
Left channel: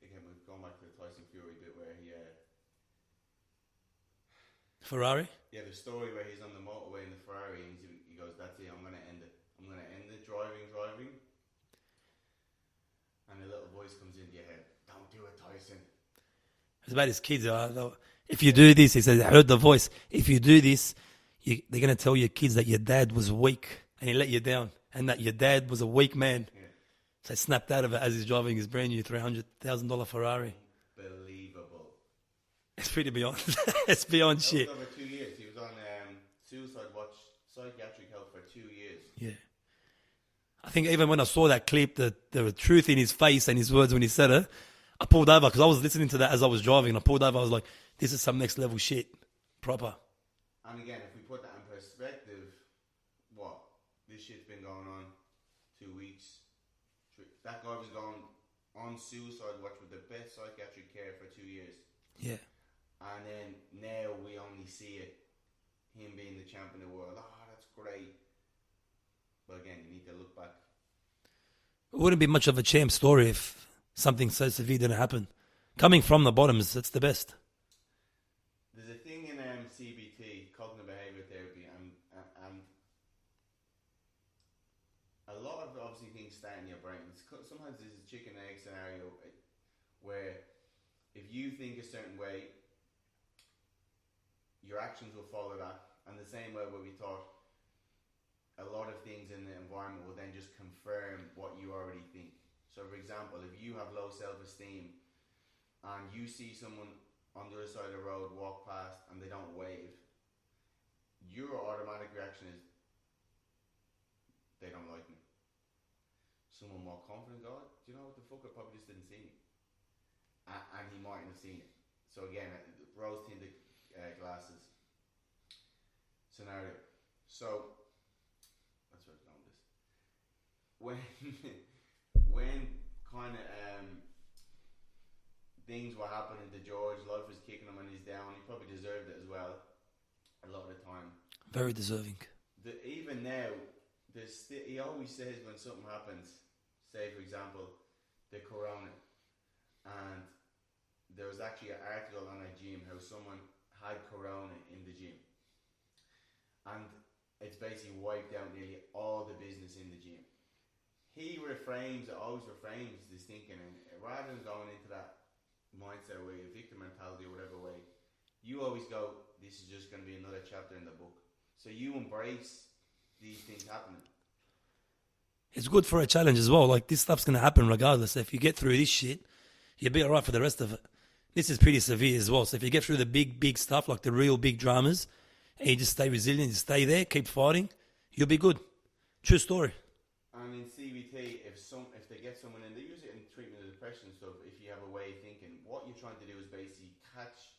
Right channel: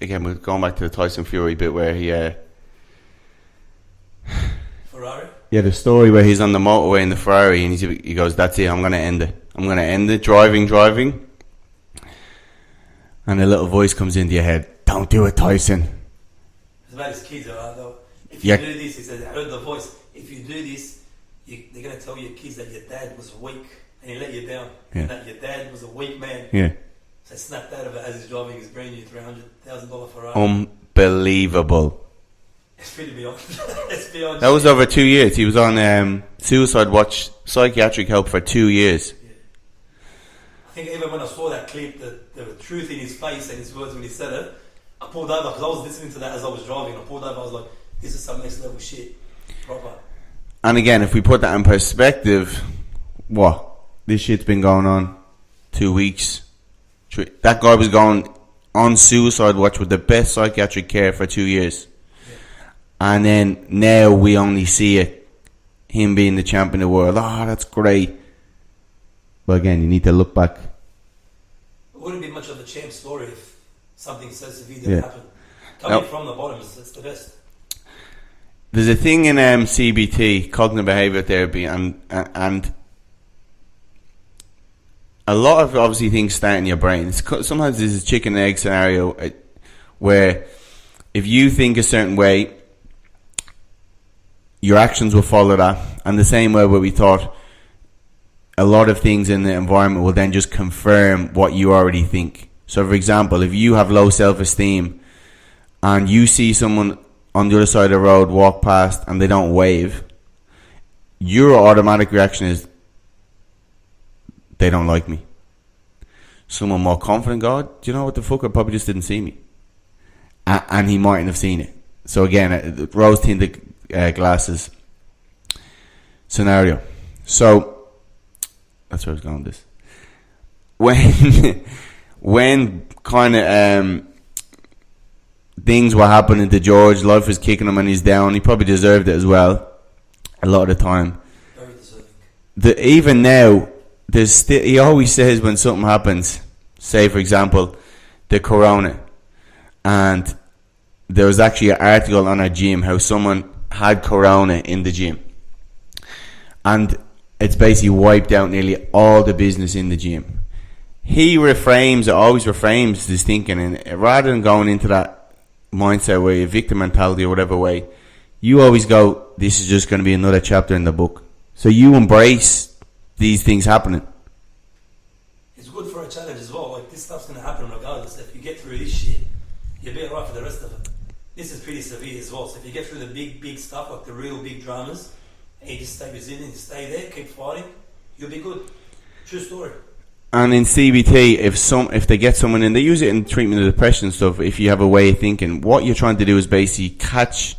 Again, we're going back to the Tyson Fury bit where he Ferrari. Yeah, the story where he's on the motorway in the Ferrari and he goes, that's it, I'm gonna end it. I'm gonna end it. Driving, and a little voice comes into your head. Don't do it, Tyson. It's about his kids. If you do this, he says, I heard the voice. If you do this, they're going to tell your kids that your dad was weak and he let you down. Yeah. And that your dad was a weak man. Yeah. So I snapped out of it as he's driving his brand new $300,000 Ferrari. Unbelievable. It's pretty beyond. It's beyond that shit. Was over 2 years. He was on suicide watch, psychiatric help for 2 years. Yeah. I think even when I saw that clip, the truth in his face and his words when he said it, I pulled over because I was listening to that as I was driving. I pulled over. I was like, this is some next level shit. Proper. And again, if we put that in perspective, what? This shit's been going on 2 weeks. That guy was going on suicide watch with the best psychiatric care for 2 years. Yeah. And then now we only see it, him being the champion of the world. Oh, that's great. But again, you need to look back. It wouldn't be much of a champ story if something so severe didn't happen. Coming from the bottoms, it's the best. There's a thing in CBT, cognitive behavior therapy, and a lot of obviously things start in your brain. Sometimes there's a chicken and egg scenario where if you think a certain way, your actions will follow that. And the same way where we thought a lot of things in the environment will then just confirm what you already think. So, for example, if you have low self-esteem and you see someone on the other side of the road walk past and they don't wave, your automatic reaction is, they don't like me. Someone more confident, God, do you know what the fuck? I probably just didn't see me. And he mightn't have seen it. So again, rose-tinted glasses scenario. So, that's where I was going with this. When kind of things were happening to George, life was kicking him and he's down, he probably deserved it as well, a lot of the time. Very deserving. Even now, he always says when something happens, say for example, the corona, and there was actually an article on our gym how someone had corona in the gym, and it's basically wiped out nearly all the business in the gym. He always reframes his thinking, and rather than going into that mindset where you're victim mentality or whatever way, you always go, this is just going to be another chapter in the book. So you embrace these things happening. It's good for a challenge as well. Like, this stuff's going to happen regardless. If you get through this shit, you'll be alright for the rest of it. This is pretty severe as well. So if you get through the big stuff, like the real big dramas, and you just stay resilient, you stay there, keep fighting, you'll be good. True story. And in CBT, if they get someone in, they use it in treatment of depression stuff. If you have a way of thinking, what you're trying to do is basically catch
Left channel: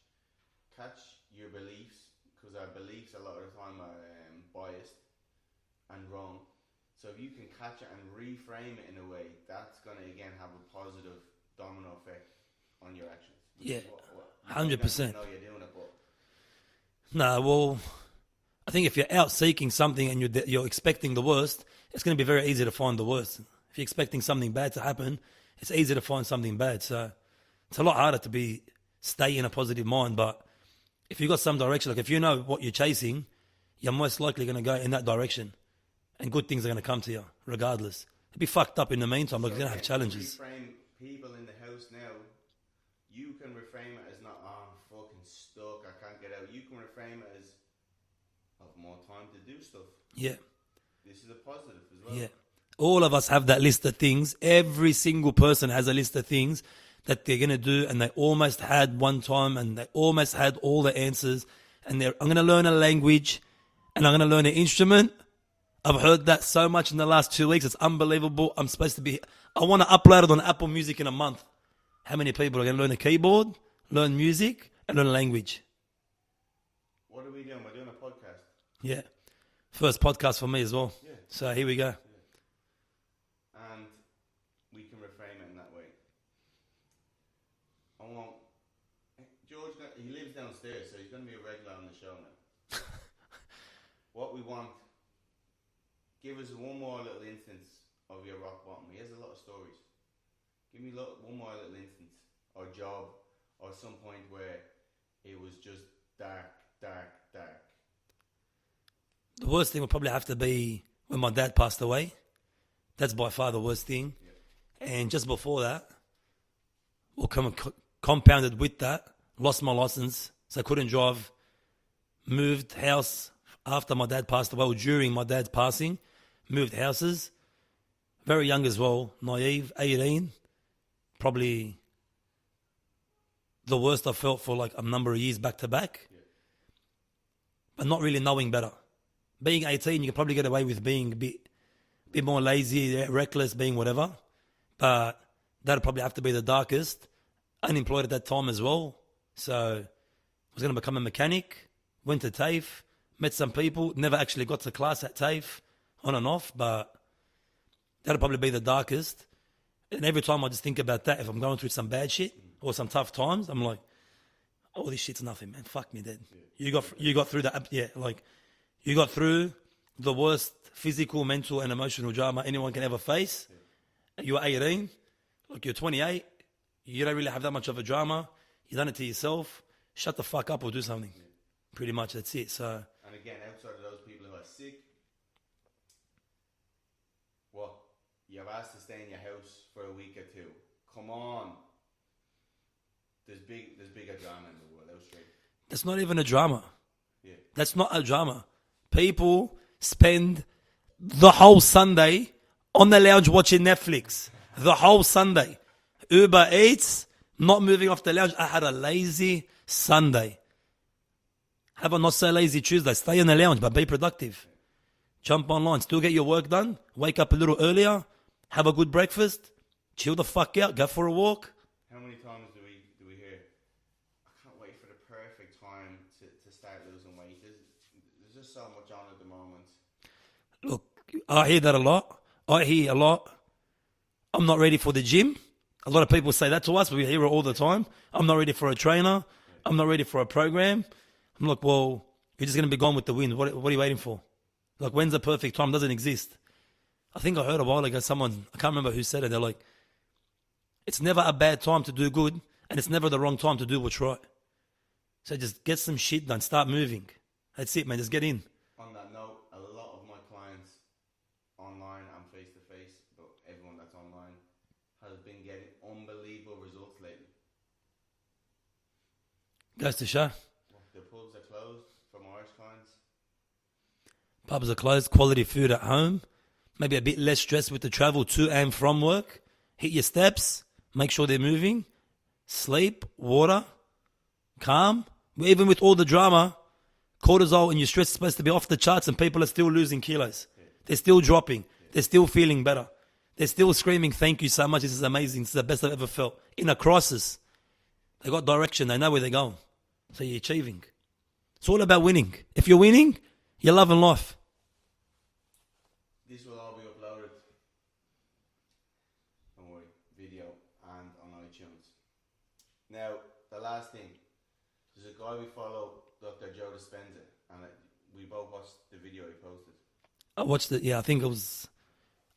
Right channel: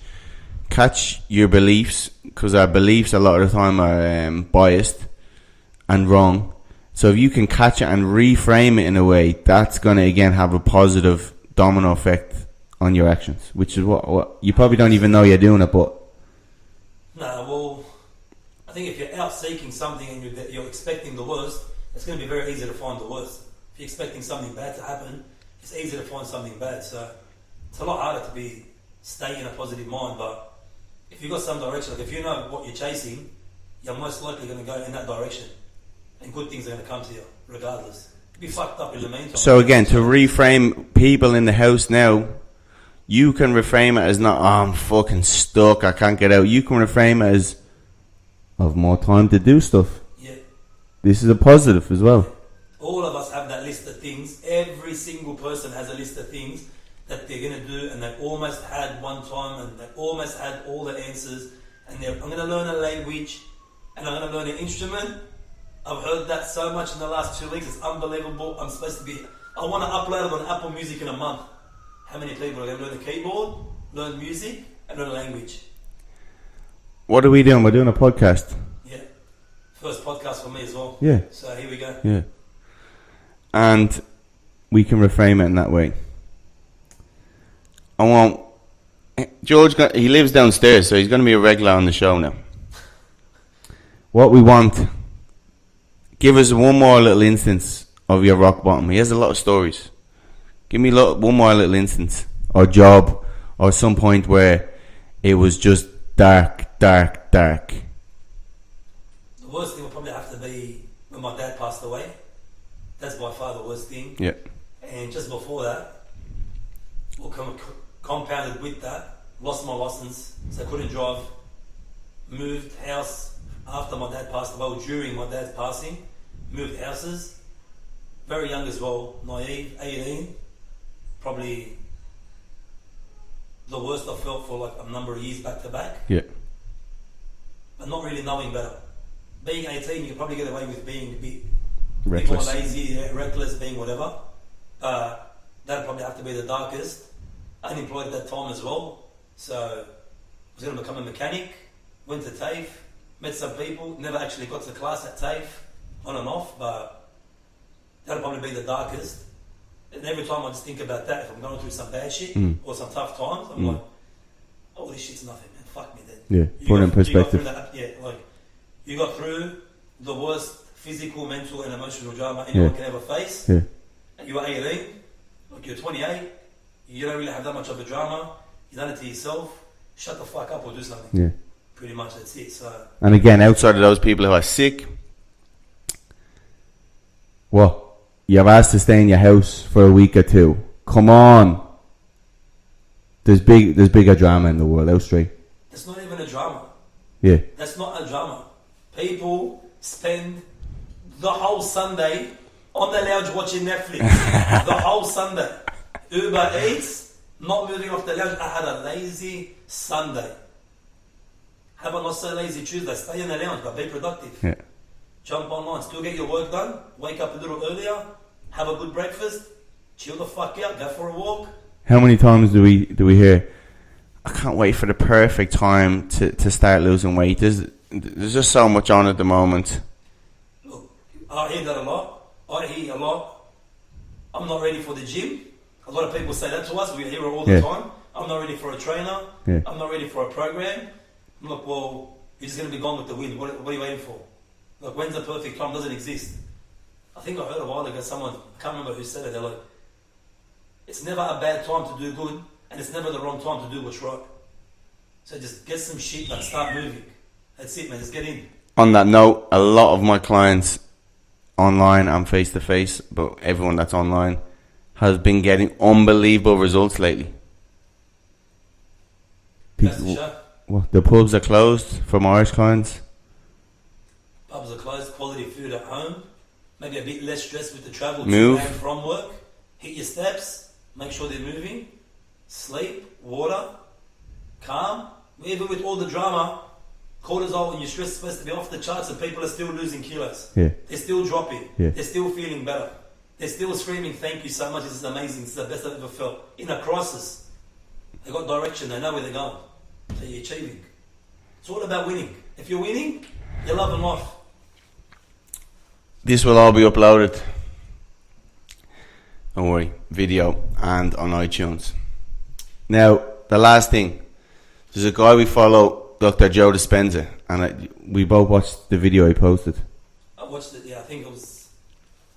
your beliefs, because our beliefs a lot of the time are biased and wrong. So if you can catch it and reframe it in a way, that's going to again have a positive domino effect on your actions, which is what you probably 100%. Don't even know you're doing it, but no. Well, I think if you're out seeking something and you're expecting the worst, it's going to be very easy to find the worst. If you're expecting something bad to happen, it's easy to find something bad. So it's a lot harder to stay in a positive mind. But if you've got some direction, like if you know what you're chasing, you're most likely going to go in that direction, and good things are going to come to you regardless. You'd be fucked up in the meantime. So again, to reframe people in the house now, you can reframe it as not, I'm fucking stuck, I can't get out. You can reframe it as, I have more time to do stuff. Yeah. This is a positive as well. Yeah. All of us have that list of things. Every single person has a list of things that they're going to do, and they almost had one time, and they almost had all the answers. And I'm going to learn a language, and I'm going to learn an instrument. I've heard that so much in the last 2 weeks. It's unbelievable. I want to upload it on Apple Music in a month. How many people are going to learn the keyboard, learn music, and learn a language? What are we doing? We're doing a podcast. Yeah. First podcast for me as well. Yeah. So here we go. Yeah. And we can reframe it in that way. George, he lives downstairs, so he's going to be a regular on the show now. What we want, give us one more little instance of your rock bottom. He has a lot of stories. Give me one more little instance, or job, or some point where it was just dark. The worst thing would probably have to be when my dad passed away. That's by far the worst thing. Yeah. And just before that, or compounded with that, lost my license, so I couldn't drive. Moved house after my dad passed away, or during my dad's passing. Moved houses. Very young as well, naive, 18. Probably the worst I felt for like a number of years back to back. Yeah. But not really knowing better. Being 18, you could probably get away with being a bit more lazy, reckless, being whatever. But that'd probably have to be the darkest. Unemployed at that time as well. So I was going to become a mechanic. Went to TAFE. Met some people. Never actually got to class at TAFE. On and off. But that'd probably be the darkest. And every time I just think about that, if I'm going through some bad shit or some tough times, I'm like, oh, this shit's nothing, man. Fuck me, then. Yeah, put it in perspective. You got through that, yeah, like, you got through the worst physical, mental, and emotional drama anyone can ever face. Yeah. And you're 18, like you're 28, you don't really have that much of a drama. You done it to yourself. Shut the fuck up or do something. Yeah. Pretty much, that's it. So. And again, outside of those people who are sick, what? You're asked to stay in your house for a week or two. Come on. There's bigger drama in the world, out straight. It's not even a drama. Yeah. That's not a drama. People spend the whole Sunday on the lounge watching Netflix the whole Sunday. Uber Eats, not moving off the lounge. I had a lazy Sunday. Have a not so lazy Tuesday. Stay in the lounge, but be productive. Yeah. Jump online, still get your work done. Wake up a little earlier. Have a good breakfast. Chill the fuck out. Go for a walk. How many times do we hear, I can't wait for the perfect time to start losing weight? There's just so much on at the moment. Look, I hear that a lot. I hear a lot, I'm not ready for the gym. A lot of people say that to us. We hear it all the time. I'm not ready for a trainer. Yeah. I'm not ready for a program. I'm like, well, you're just going to be gone with the wind. What are you waiting for? Like, when's the perfect time? Doesn't exist. I think I heard a while ago someone, I can't remember who said it, they're like, it's never a bad time to do good, and it's never the wrong time to do what's right. So just get some shit done, start moving. That's it, man, just get in. On that note, a lot of my clients online and face to face, but everyone that's online has been getting unbelievable results lately. That's the show. What, the pubs are closed for my Irish clients? Pubs are closed, quality food at home, maybe a bit less stress with the travel Move. to and from work. Hit your steps, make sure they're moving, sleep, water, calm. Even with all the drama, cortisol and your stress is supposed to be off the charts and people are still losing kilos. Yeah. They're still dropping. Yeah. They're still feeling better. They're still screaming, thank you so much, this is amazing, this is the best I've ever felt. In a crisis, they got direction, they know where they're going. So you're achieving. It's all about winning. If you're winning, you're loving life. This will all be uploaded, don't worry, video and on iTunes. Now, the last thing, there's a guy we follow, Dr. Joe Dispenza, and we both watched the video he posted. I watched it, I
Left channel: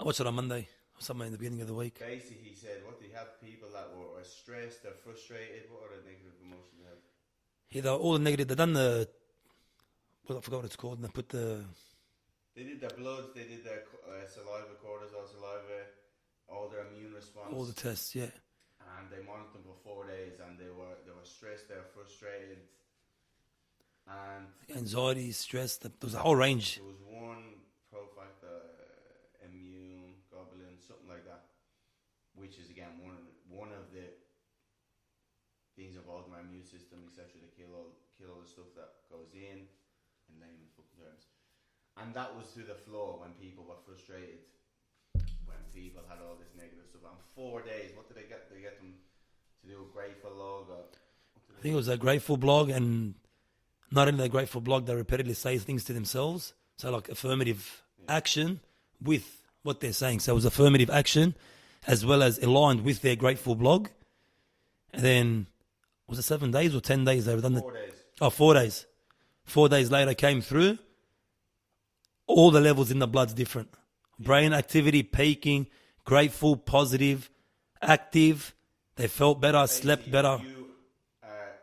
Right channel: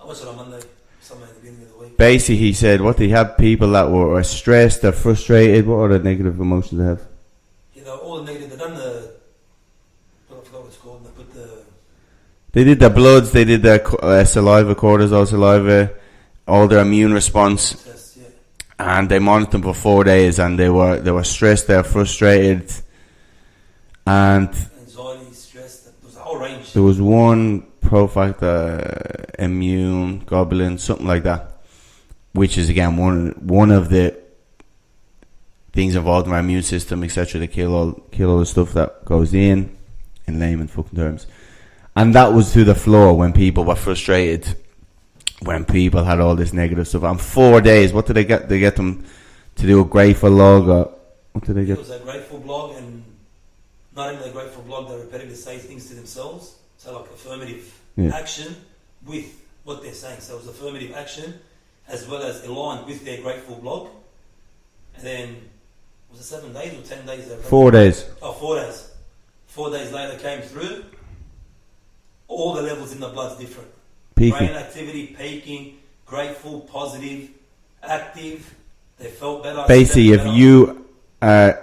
watched it on Monday, somewhere in the beginning of the week. Basically, he said, what they have people that were stressed, they're frustrated, what are the negative emotions they have? All the negative, they've done I forgot what it's called, they put They did their bloods, they did their saliva, cortisol saliva, all their immune response. test, And they monitored them for 4 days, and they were stressed, they were frustrated, and anxiety, stress, there was a whole range. there was one profactor, immune globulin, something like that, which is again one of the things involved in our immune system, etc. To kill all the stuff that goes in layman fucking terms. And that was to the floor when people were frustrated, when people had all this negative stuff. And 4 days, what did they get? They get them to do a grateful log, or what did they get? It was a grateful blog, and not only a grateful blog, they repetitively say things to themselves. So like affirmative action with what they're saying. So it was affirmative action as well as aligned with their grateful blog. And then, was it 7 days or 10 days? 4 days. Oh, 4 days. 4 days later came through. All the levels in the blood's different. Peaking. Brain activity peaking, grateful, positive, active. They felt better. Basically, slept if better. you are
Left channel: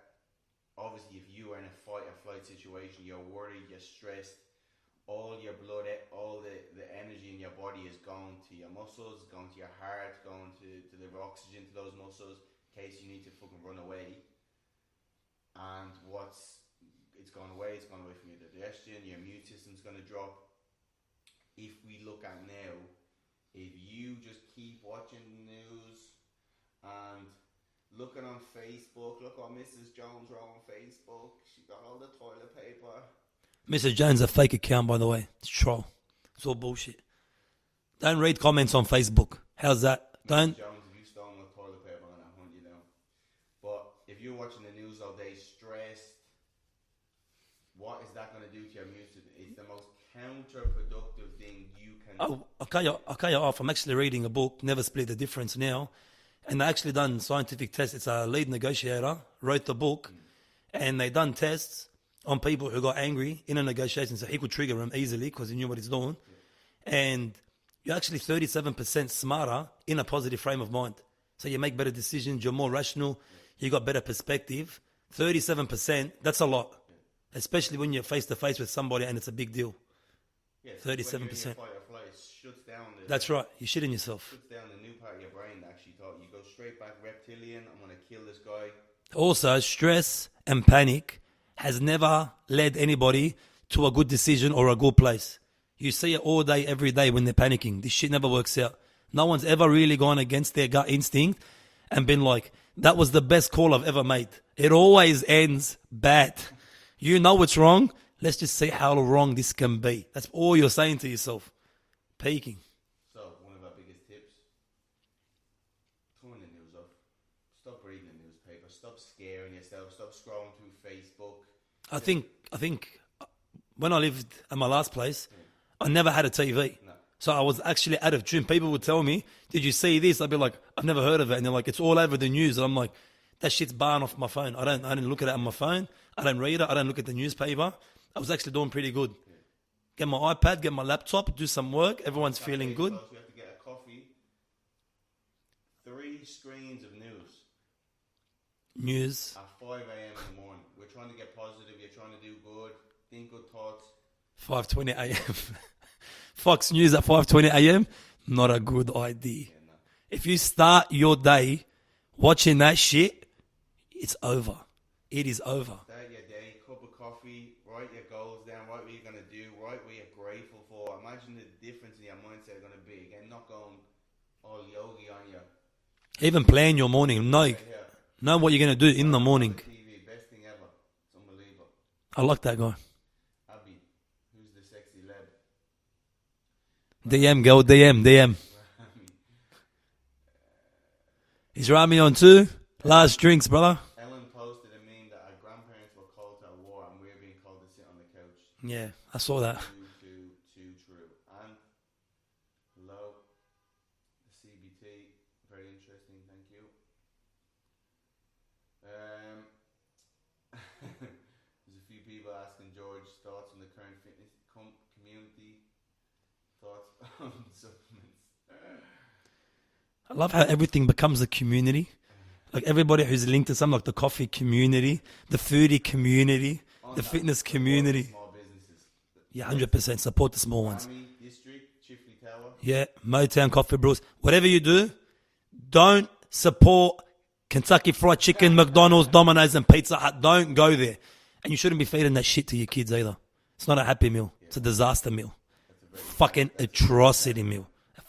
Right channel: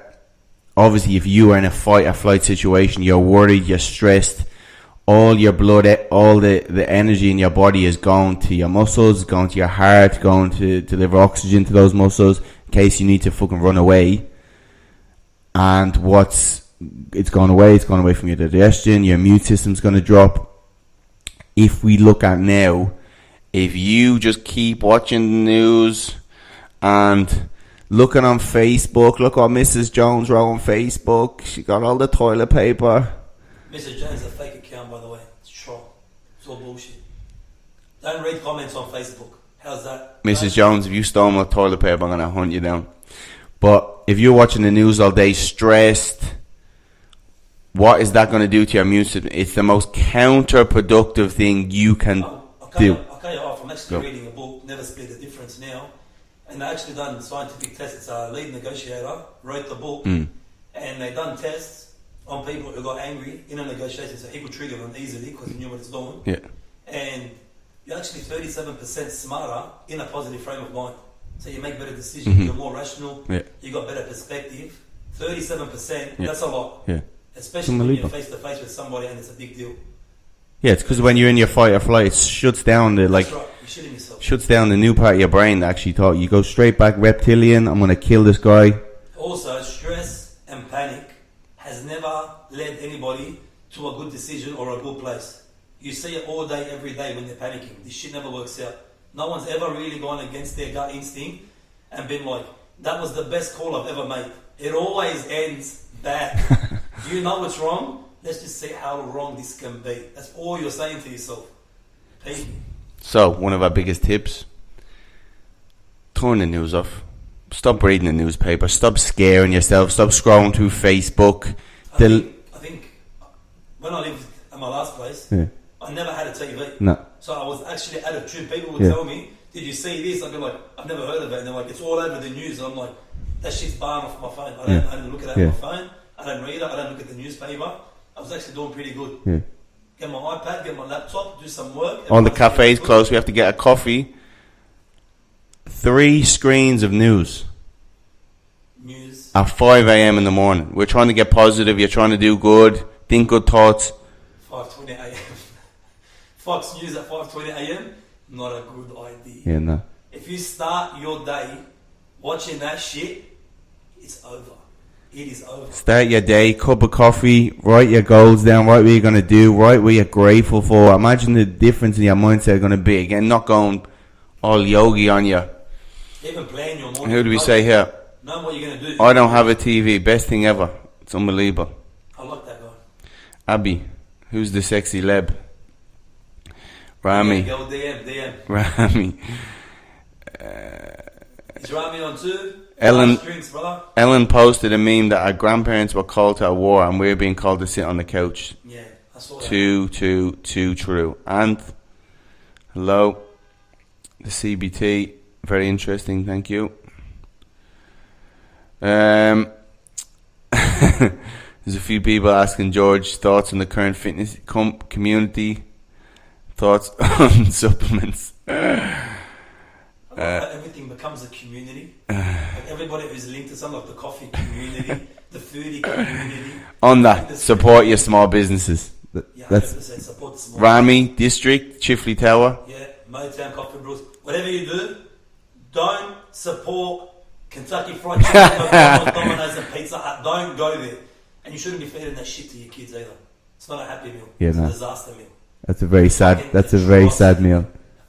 obviously if you are in a fight or flight situation, you're worried, you're stressed, all your blood, all the energy in your body is going to your muscles, going to your heart, going to deliver oxygen to those muscles in case you need to fucking run away. And it's gone away from your digestion, your immune system's going to drop. If we look at now, if you just keep watching the news and looking on Facebook, look what Mrs. Jones wrote on Facebook. She got all the toilet paper. Mr. Jones, a fake account, by the way. It's troll. It's all bullshit. Don't read comments on Facebook. How's that? Mrs. Jones, if you stole my toilet paper, I'm going to hunt you down. But if you're watching the news all day stressed, what is that going to do to your immune system? It's the most counterproductive thing you can do. Okay, I'm actually reading a book, Never Split the Difference now. And they actually done scientific tests. It's a lead negotiator, wrote the book. And they done tests on people who got angry in a negotiation. So he could trigger them easily because he knew what he's doing. Yeah. And you're actually 37% smarter in a positive frame of mind. So you make better decisions. You're more rational. Yeah. You got better perspective. 37%, that's a lot. Yeah. Especially when you're face to face with somebody and it's a big deal. Yeah, it's because when you're in your fight or flight, it shuts down the That's right. You're shitting yourself. Shuts down the new part of your brain that actually thought you go straight back reptilian. I'm gonna kill this guy. Also, stress and panic has never led anybody to a good decision or a good place. You see it all day, every day when they're panicking. This shit never works out. No one's ever really gone against their gut instinct and been like, that was the best call I've ever made. It always ends bad. You know what's wrong? Let's just see how wrong this can be. That's all you're saying to yourself. Peaking. So, one of our biggest tips, turn the news off. Stop reading the newspaper. Stop scaring yourself. Stop scrolling through Facebook. I think when I lived at my last place, I never had a TV. No. So I was actually out of tune. People would tell me, did you see this? I'd be like, I've never heard of it. And they're like, it's all over the news. And I'm like, that shit's barring off my phone. I don't look at it on my phone. I don't read it. I don't look at the newspaper. I was actually doing pretty good. Yeah. Get my iPad, get my laptop, do some work. All the cafes closed. We have to get a coffee. 3 screens of news. News. At 5 a.m. in the morning. We're trying to get positive. You're trying to do good. Think good thoughts. 5:20 a.m. Fox News at 5:20 a.m. Not a good idea. Yeah, no. If you start your day watching that shit, it's over. It is over. Start your day, cup of coffee, write your goals down, write what you're going to do, write what you're grateful for. Imagine the difference in your mindset going to be. Again, not going all yogi on you. Even plan your morning. Who do we say here? Know what you're going to do. I don't have a TV. Best thing ever. It's unbelievable. I like that guy. Abby, who's the sexy leb? Rami. DM, go DM. Rami. Is Rami on too? Last drinks, brother. Ellen posted a meme that our grandparents were called to a war and we're being called to sit on the couch. Yeah, I saw that. Too true. And hello, the CBT. Very interesting. Thank you. There's a few people asking George thoughts on the current fitness community. Thoughts on supplements. I love how everything becomes a community. Like everybody who's linked to something, like the coffee community, the foodie community. On that, support your small businesses. Yeah, 100% support the small Rami District, Chifley Tower. Yeah, Motown Coffee Brews. Whatever you do, don't support Kentucky Fried Chicken, McDonald's, Domino's and Pizza Hut. Don't go there. And you shouldn't be feeding that shit to your kids either. It's not a happy meal. It's a disaster meal. That's a very sad. That's a very sad meal.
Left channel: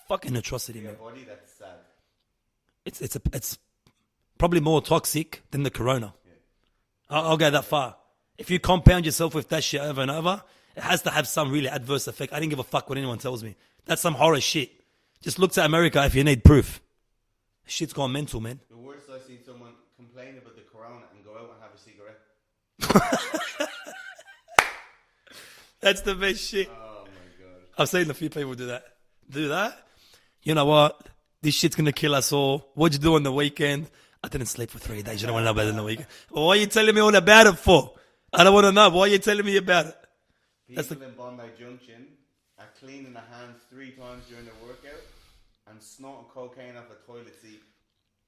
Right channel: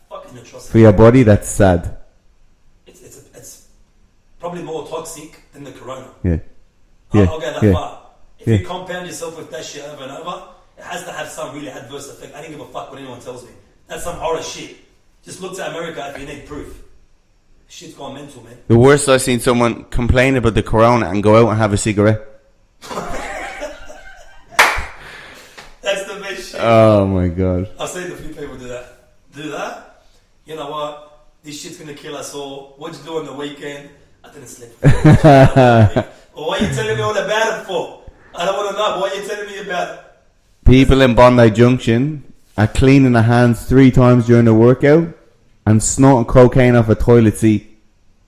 Fucking atrocity. For your body, that's sad. It's probably more toxic than the corona. Yeah. I'll go that far. If you compound yourself with that shit over and over, it has to have some really adverse effect. I don't give a fuck what anyone tells me. That's some horror shit. Just look to America if you need proof. Shit's gone mental, man. The worst I've seen someone complain about the corona and go out and have a cigarette. That's the best shit. Oh my god. I've seen a few people do that. You know what? This shit's gonna kill us all. What'd you do on the weekend? I didn't sleep with you. Well, why are you telling me all about it for? I don't want to know. Why are you telling me about it? People in Bondi Junction are cleaning their hands 3 times during the workout and snorting cocaine off a toilet seat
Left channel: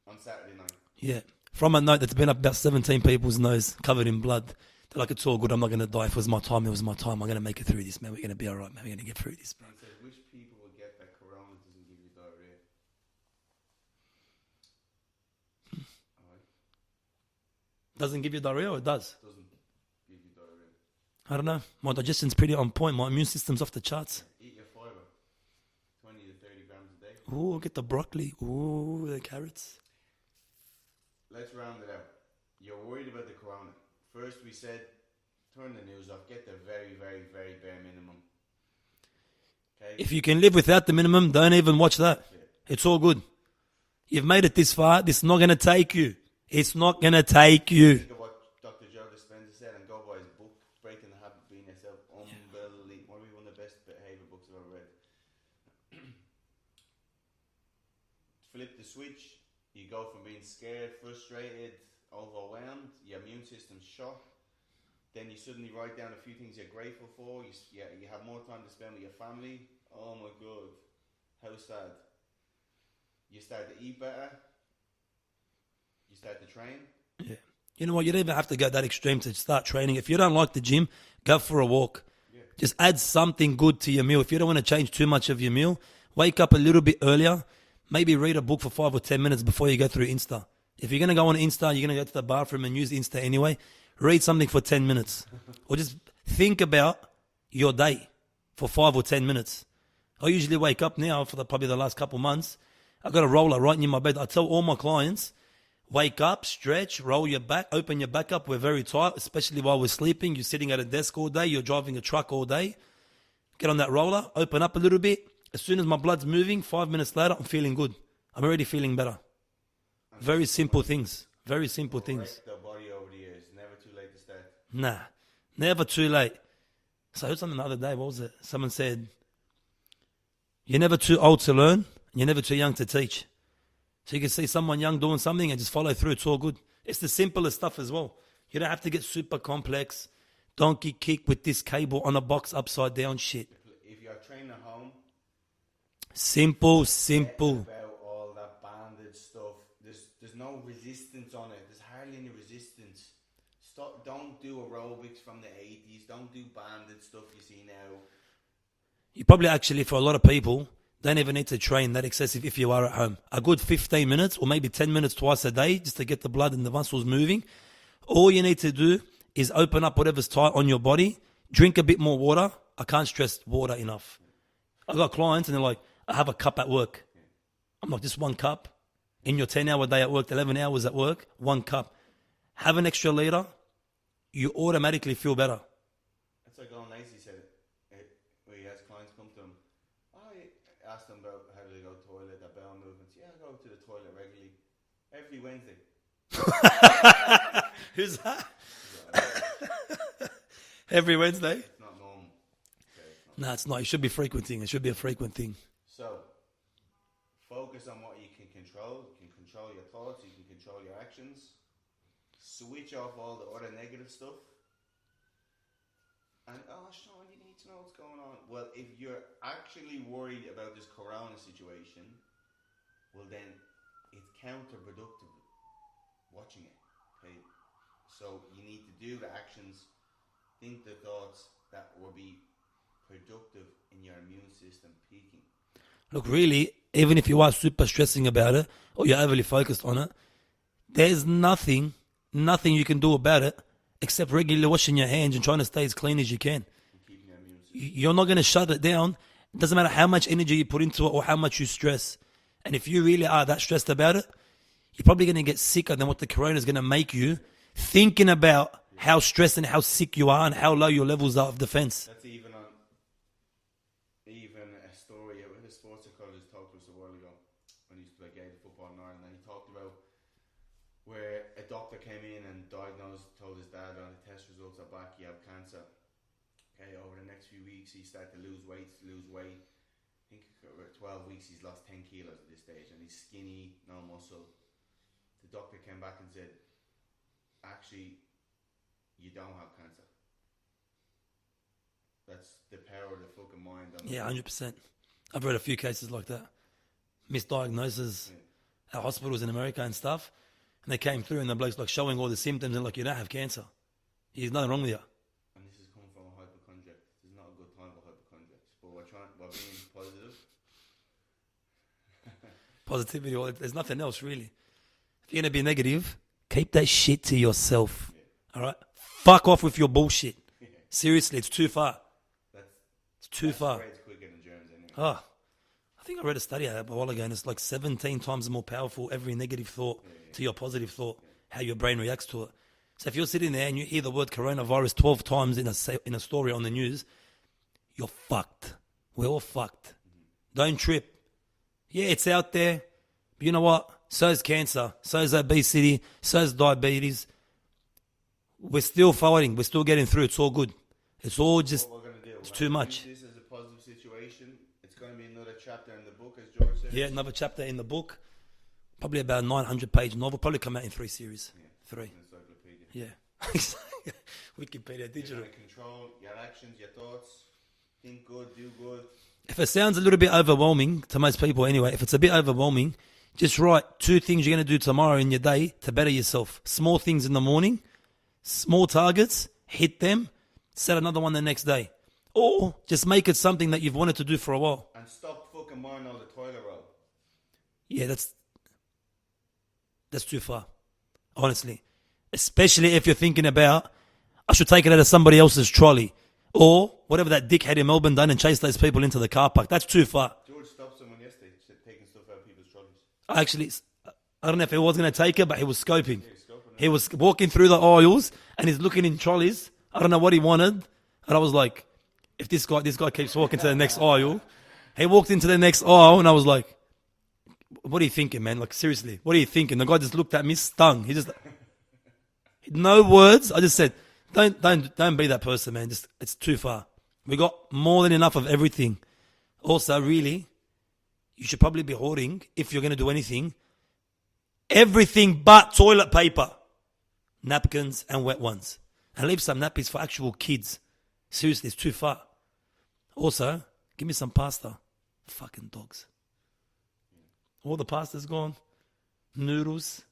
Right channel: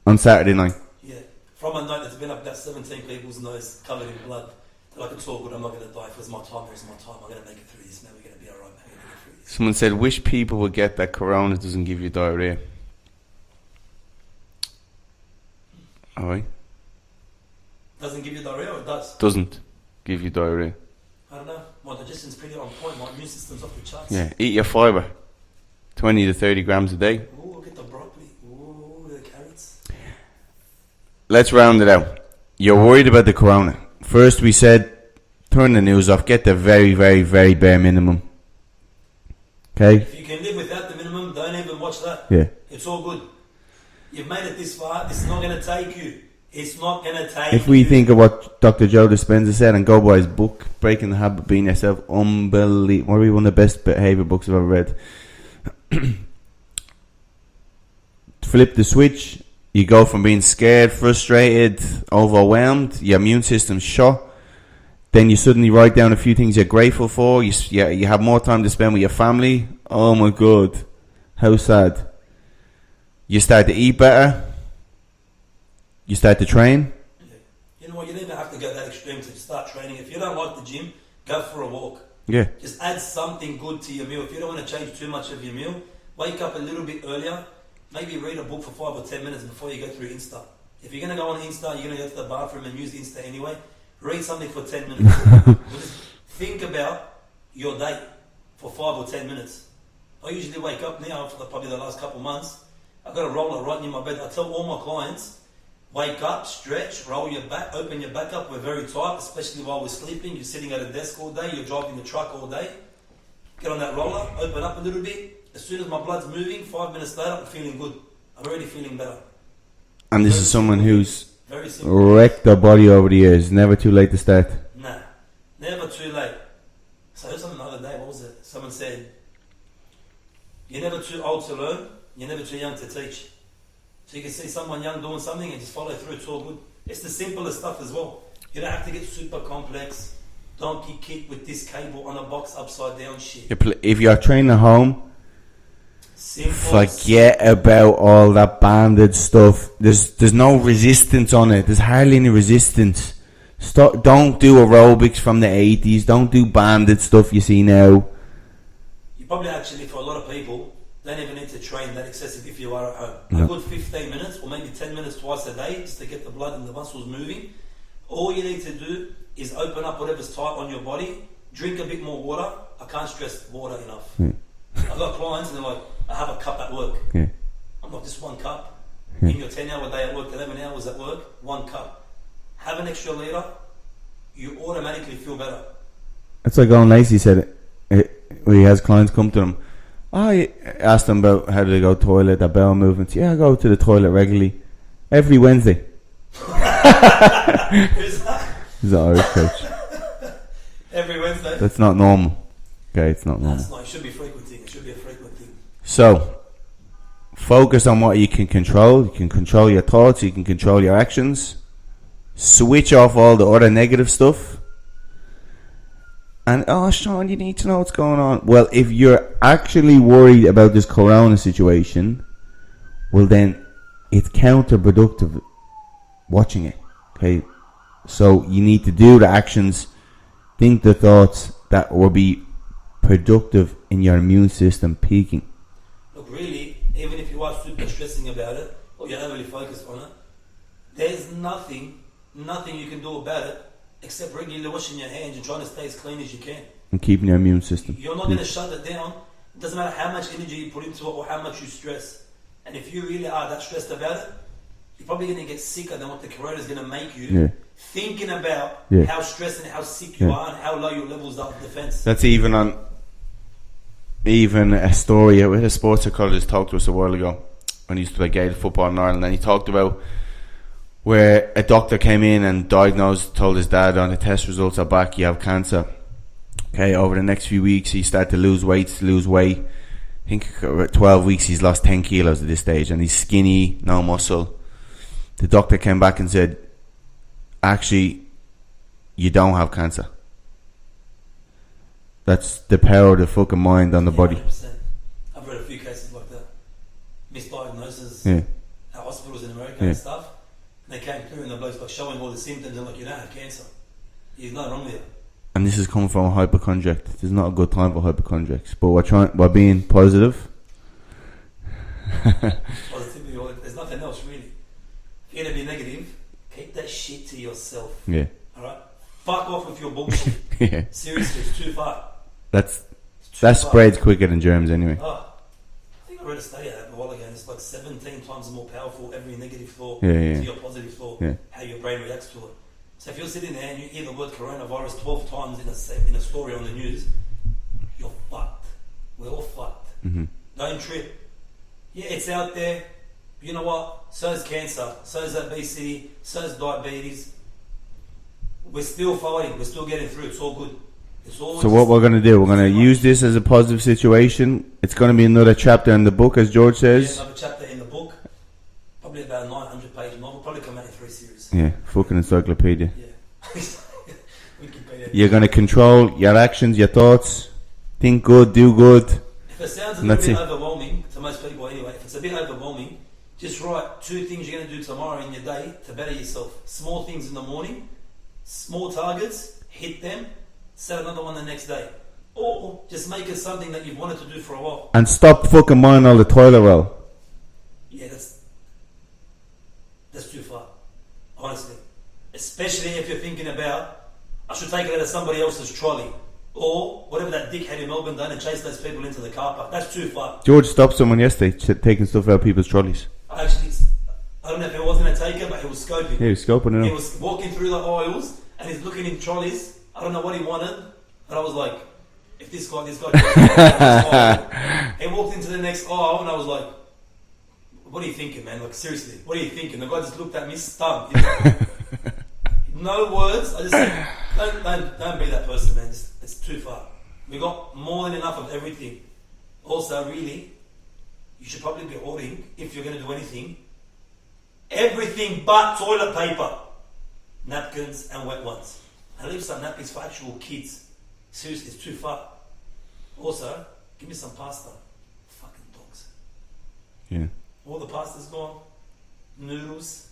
on Saturday night. Yeah. From a note that's been up about 17 people's nose covered in blood. They're like, it's all good. I'm not going to die. If it was my time, it was my time. I'm going to make it through this, man. We're going to be all right, man. We're going to get through this. Someone said, wish people would get that corona doesn't give you diarrhea. Alright. Doesn't give you diarrhea or it does? Doesn't give you diarrhea. I don't know. My digestion's pretty on point. My immune system's off the charts. Yeah, eat your fibre. 20 to 30 grams a day. Ooh, get the broccoli. Ooh, the carrots. Let's round it out. You're worried about the corona. First we said, turn the news off. Get the very, very, very bare minimum. Okay? If you can live without the minimum, don't even watch that. Yeah. It's all good. You've made it this far. This is not going to take you. It's not going to take you. If we think of what Dr. Joe Dispenza said and go by his book, Breaking the Habit of Being Yourself, unbelievable. Probably one of the best behaviour books I've ever read. Flip the switch. You go from being scared, frustrated, overwhelmed, your immune system's shot. Then you suddenly write down a few things you're grateful for. You have more time to spend with your family. Oh my God. How sad. You start to eat better. You start to train. Yeah. You know what? You don't even have to go that extreme to start training. If you don't like the gym, go for a walk. Yeah. Just add something good to your meal. If you don't want to change too much of your meal, wake up a little bit earlier. Maybe read a book for 5 or 10 minutes before you go through Insta. If you're going to go on Insta, you're going to go to the bathroom and use Insta anyway, read something for 10 minutes. Or just think about your day. for 5 or 10 minutes. I usually wake up now for probably the last couple months. I've got a roller right near my bed. I tell all my clients, wake up, stretch, roll your back, open your back up. We're very tight, especially while we're sleeping. You're sitting at a desk all day. You're driving a truck all day. Get on that roller, open up a little bit. As soon as my blood's moving, 5 minutes later, I'm feeling good. I'm already feeling better. And this Very is someone simple who's things. Very simple wrecked their body over the years. Never too late to start. Nah, never too late. So I heard something the other day. What was it? Someone said, you're never too old to learn. You're never too young to teach. So you can see someone young doing something and just follow through. It's all good. It's the simplest stuff as well. You don't have to get super complex. Donkey kick with this cable on a box upside down shit. If you're training at home, Simple. forget simple. about all that banded stuff. There's no resistance on it. There's hardly any resistance. Don't do aerobics from the 80s. Don't do banded stuff you see now. You probably actually, for a lot of people, don't even need to train that excessive if you are at home. A good 15 minutes or maybe 10 minutes twice a day just to get the blood and the muscles moving. All you need to do is open up whatever's tight on your body, drink a bit more water. I can't stress water enough. I've got clients and they're like, I have a cup at work. I'm like, just 1 cup. In your 10-hour day at work, 11 hours at work, 1 cup. Have an extra liter, you automatically feel better. It's like Owen Lacey said it, when he has clients come to him. I asked them about how do they go to the toilet, their bowel movements. Yeah, I go to the toilet regularly. Every Wednesday. Who's that? He's an Irish coach. Every Wednesday? That's not normal. Okay, it's not No, normal. it's not. It should be frequenting. It should be a frequent thing. So, focus on what you can control. You can control your thoughts. You can control your actions. Switch off all the other negative stuff. And, oh, Sean, you need to know what's going on. Well, if you're actually worried about this corona situation, well, then it's counterproductive watching it. Okay? So, you need to do the actions, think the thoughts that will be productive in your immune system peaking. Look, really, even if you are super stressing about it or you're overly focused on it, there's nothing you can do about it except regularly washing your hands and trying to stay as clean as you can. And keeping your immune system. You're not going to shut it down. It doesn't matter how much energy you put into it or how much you stress. And if you really are that stressed about it, you're probably going to get sicker than what the corona is going to make you. Thinking about how stressed and how sick you are and how low your levels are of defense. That's even a story. We had a sports psychologist talk to us a while ago when he used to play Gaelic football in Ireland, and he talked about where a doctor came in and told his dad on the test results are back, you have cancer. Okay, over the next few weeks he started to lose weight. I think about 12 weeks he's lost 10 kilos at this stage, and he's skinny, no muscle. The doctor came back and said, actually, you don't have cancer. That's the power of the fucking mind on the body. 100%. I've read a few cases like that. Misdiagnosis at hospitals in America and stuff. And they came through and the bloke's like showing all the symptoms and like, you don't have cancer. There's nothing wrong with you. And this is coming from a hypochondriac. This is not a good time for hypochondriacs. But we're being positive. Positivity, there's nothing else really. If you're going to be negative, keep that shit to yourself. Yeah. Alright? Fuck off with your bullshit. Yeah. Seriously, it's too far. That far. spreads quicker than germs anyway. Oh, I think I read a study of that a while ago, and it's like 17 times more powerful every negative thought to your positive thought, how your brain reacts to it. So if you're sitting there and you hear the word coronavirus 12 times in a story on the news, you're fucked. We're all fucked. Don't trip. Yeah, it's out there. You know what? So is cancer. So is obesity. So is diabetes. We're still fighting. We're still getting through. It's all good. It's all. So what we're going to do, we're going to use this as a positive situation. It's going to be another chapter in the book, as George says. Yeah, another chapter in the book. Probably about a 900-page novel. Probably come out in 3 series. Yeah, fucking encyclopedia. Yeah. Wikipedia. You're going to control your actions, your thoughts. Think good, do good. If it sounds a little bit overwhelming to most people anyway, if it's a bit overwhelming, just write 2 things you're going to do tomorrow in your day to better yourself. Small things in the morning, small targets, hit them, set another one the next day. Or just make it something that you've wanted to do for a while. And stop fucking minding all the toilet roll. Yeah, that's too far, honestly. Especially if you're thinking about, I should take it out of somebody else's trolley. Or whatever that dickhead in Melbourne done and chased those people into the car park. That's too far. George stopped someone yesterday taking stuff out of people's trolleys. Actually, I don't know if he was going to take it, but he was scoping. Yeah, he was scoping it. He was walking through the aisles and he's looking in trolleys. I don't know what he wanted. And I was like, if this guy keeps walking to the next aisle. He walked into the next aisle and I was like, what are you thinking, man? Like, seriously, what are you thinking? The guy just looked at me, stung. No words. I just said, don't be that person, man. Just, it's too far. We got more than enough of everything. Also, really, you should probably be hoarding, if you're going to do anything, everything but toilet paper, napkins and wet ones. And leave some nappies for actual kids. Seriously, it's too far. Also, give me some pasta. Fucking dogs. Yeah. All the pasta's gone. Noodles,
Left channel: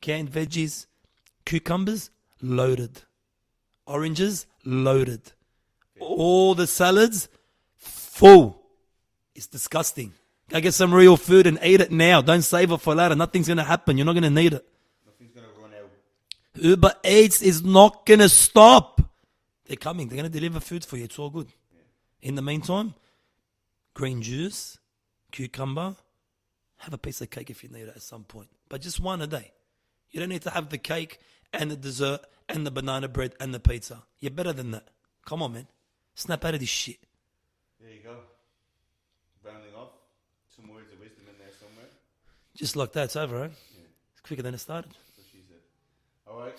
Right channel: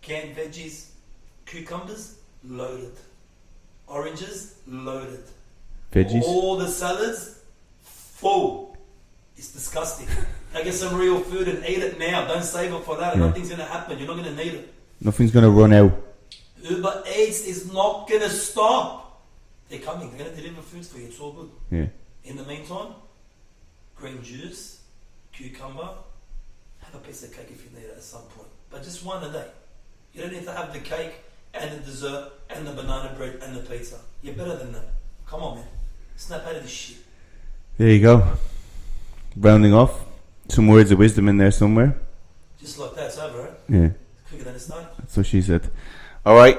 canned veggies, cucumbers, loaded. Oranges, loaded. Veggies. All the salads, full. It's disgusting. Go get some real food and eat it now. Don't save it for later. Yeah. Nothing's going to happen. You're not going to need it. Nothing's going to run out. Uber Eats is not going to stop. They're coming. They're going to deliver food for you. It's all good. Yeah. In the meantime, green juice, cucumber, have a piece of cake if you need it at some point. But just one a day. You don't need to have the cake and the dessert and the banana bread and the pizza. You're better than that. Come on, man. Snap out of this shit. There you go. Rounding off. Some words of wisdom in there somewhere. Just like that, it's over, right? Yeah. It's quicker than it started. That's what she said. All right.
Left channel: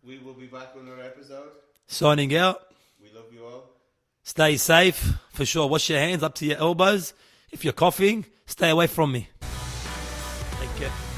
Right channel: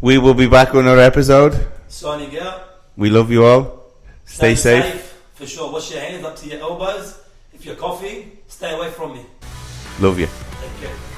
We will be back with another episode. Signing out. We love you all. Stay safe. For sure. Wash your hands up to your elbows. If you're coughing, stay away from me. Love you. Take care.